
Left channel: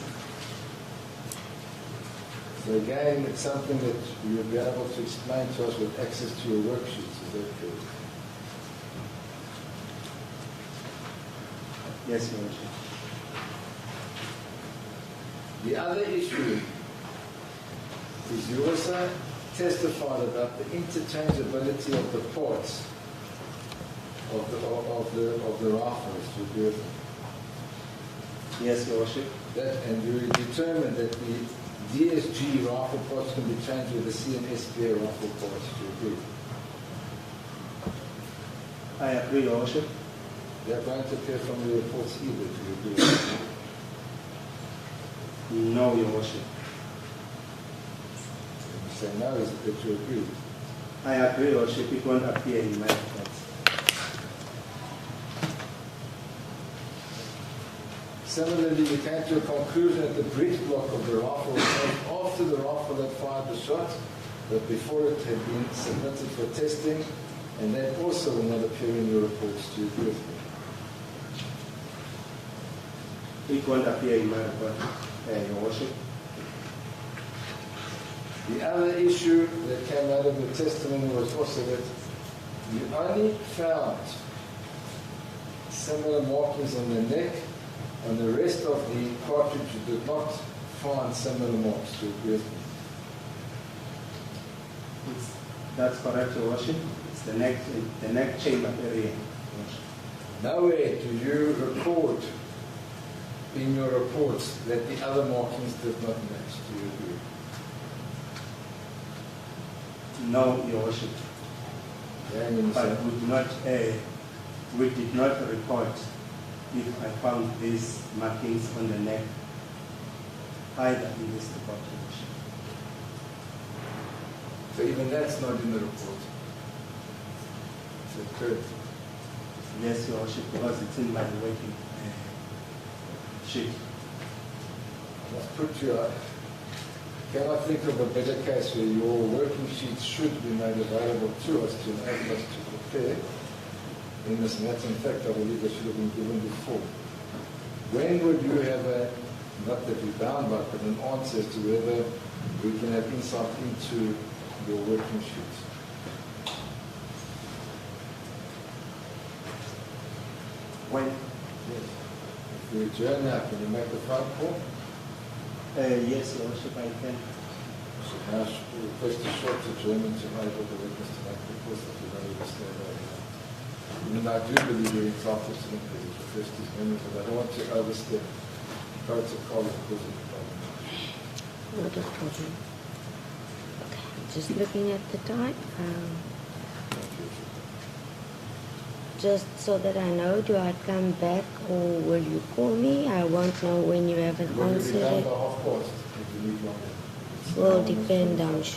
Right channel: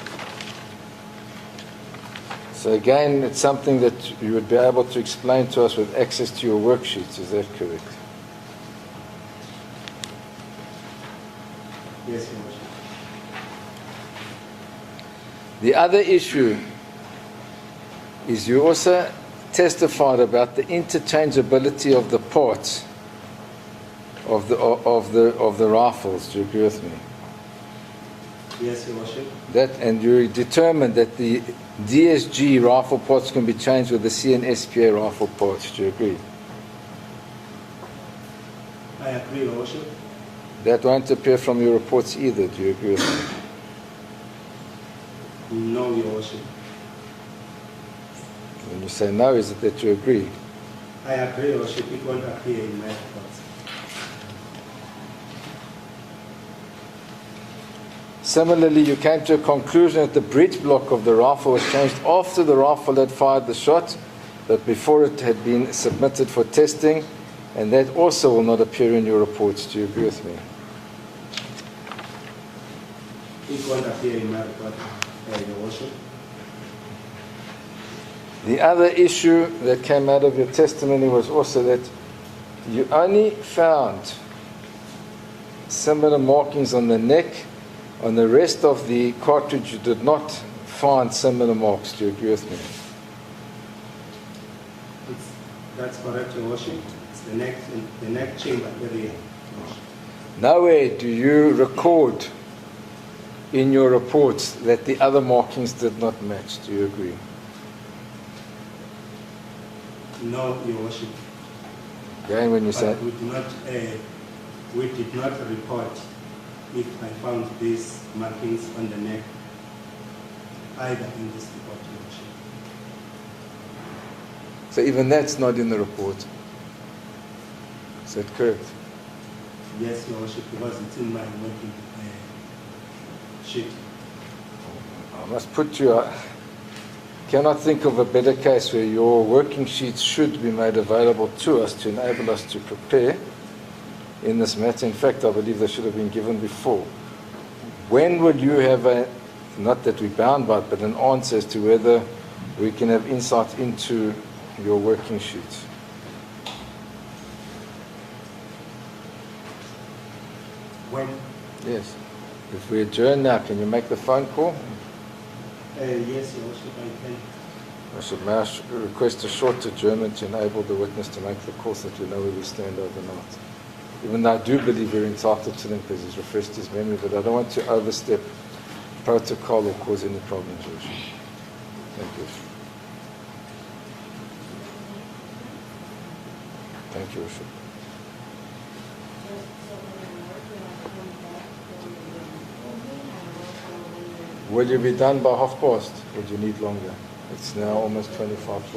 So again, it's something that you would be able to explain to us with access to your worksheets. Is that correct? Yes, Your Worship. The other issue is you also testified about the interchangeability of the parts of the rifles. Do you agree with me? Yes, Your Worship. And you determined that the DSG rifle parts can be changed with the CNSPA rifle parts. Do you agree? I agree, Your Worship. That won't appear from your reports either. Do you agree with me? No, Your Worship. When you say no, is it that you agree? I agree, Your Worship. It won't appear in my reports. Similarly, you came to a conclusion that the breech block of the rifle was changed after the rifle had fired the shot, but before it had been submitted for testing, and that also will not appear in your reports. Do you agree with me? It won't appear in my report, Your Worship. The other issue that came out of your testimony was also that you only found similar markings on the neck. On the rest of the cartridge, you did not find similar marks. Do you agree with me? That's correct, Your Worship. It's the neck chamber area. Nowhere do you record in your reports that the other markings did not match. Do you agree? No, Your Worship. Again, when you say we did not report if I found these markings on the neck either in this report, Your Worship. so, even that's not in the report. Is that correct? Yes, Your Worship, because it's in my working sheet. I must put you. I cannot think of a better case where your working sheets should be made available to us to enable us to prepare in this matter. In fact, I believe they should have been given before. when would you have not that we're bound by it, but an answer as to whether we can have insight into your working sheets? When? Yes. If we adjourn now, can you make the phone call? Yes, Your Worship, I can. I should now request a short adjournment to enable the witness to make the call so that we know where we stand overnight. Even though I do believe we're entitled to them because he's refreshed his memory, but I don't want to overstep protocol or cause any problem, George. Just looking at the time. Thank you, Worship. Just so that I know, do I come back or will you call me? I won't know when you have an Will you be answer. done by past? Or do you need longer? It's now Will almost depend 25 on past.